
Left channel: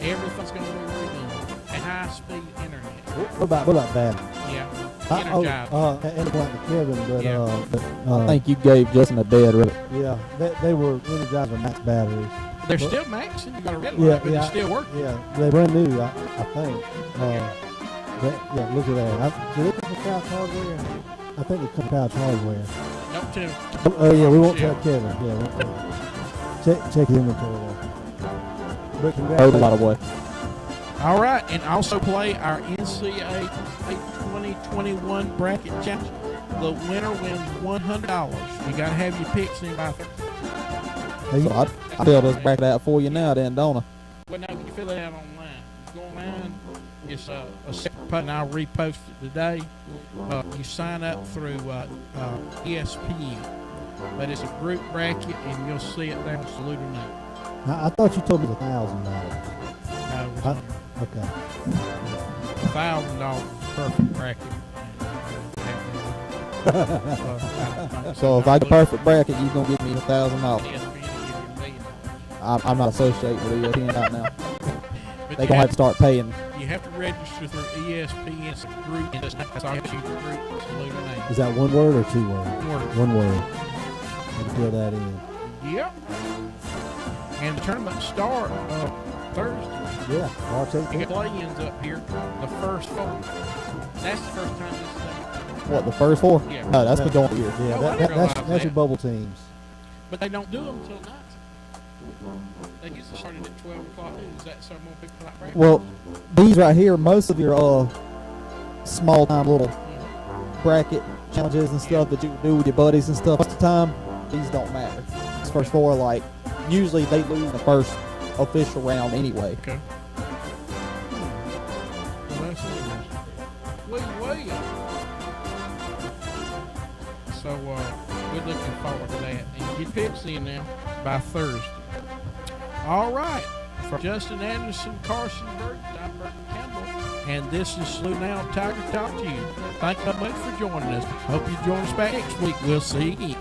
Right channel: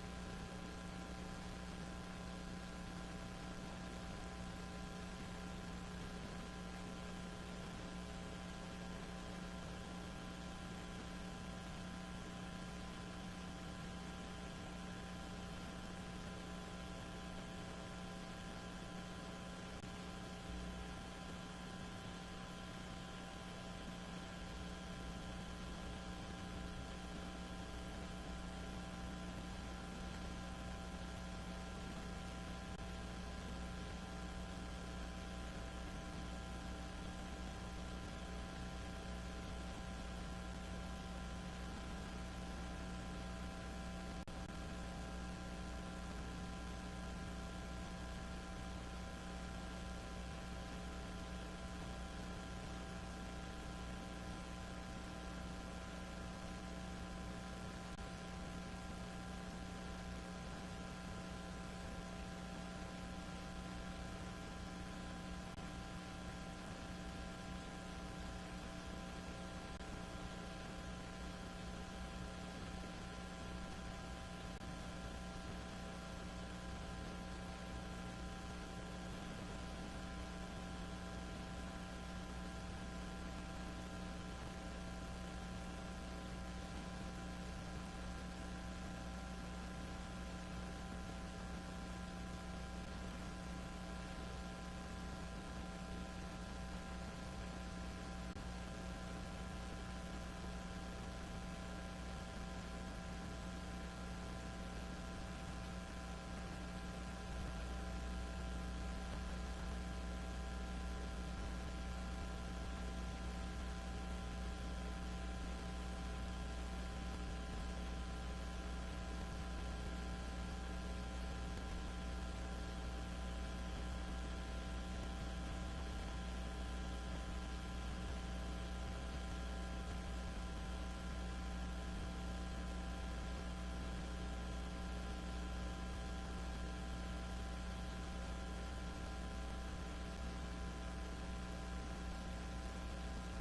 everything's going to be redone. And high-speed internet. What about that? Yeah. And like the Kevin, but I think you gave Justin a dead rip. Yeah, they were energizing max batteries. They're still maxing. You got a red Yeah, light, but yeah, it's still working. Yeah, they're brand new, I think. Look at that. Did they come from Couch Hardware? I think they come from Couch Hardware. Don't tell. Oh yeah, we won't tell Kevin. Yeah, check his inventory there. But Hold a lot of way. All right, and also play our NCAA 2021 bracket challenge. The winner wins $100. You got to have your picks in by So I fill this bracket out for you now, then, don't I? Well, no, you fill it out online. Go online. It's a separate post, and I'll repost it today. You sign up through ESPN, but it's a group bracket, and you'll see it there on Saluda Now. I thought you told me $1,000. No, okay. $1,000 perfect bracket. So if I get a perfect bracket, you're gonna give me $1,000. Yes, I'm not associated with ESPN right now. but They gonna have to start paying. you have to register through ESPN's group, and that's how you group Saluda now. Is that one word or two words? Word. One word. You fill that in. Yep. And the tournament start Thursday. Yeah, March We 18th. got play-ins up here. The first four. That's the first time this is done. What, the first four? Yeah. No, that's been going years. Yeah, Oh, I that, didn't that's realize your that. bubble teams. But they don't do them until night. They get started at 12 o'clock. Is that something people like right? Well, these right here, most of your small time little bracket challenges and stuff that you can do with your buddies and stuff, most of the time, these don't matter. These first four, like, usually they lose the first official round anyway. Okay. Well, that's interesting. Well. So, we're looking forward to that. And get picks in now by Thursday. All right. For Justin Anderson, Carson Burke, Don Burke Campbell, and this is Slew Now Tiger Talk to you. Thank you very much for joining us. Hope you join us back next week. We'll see you again.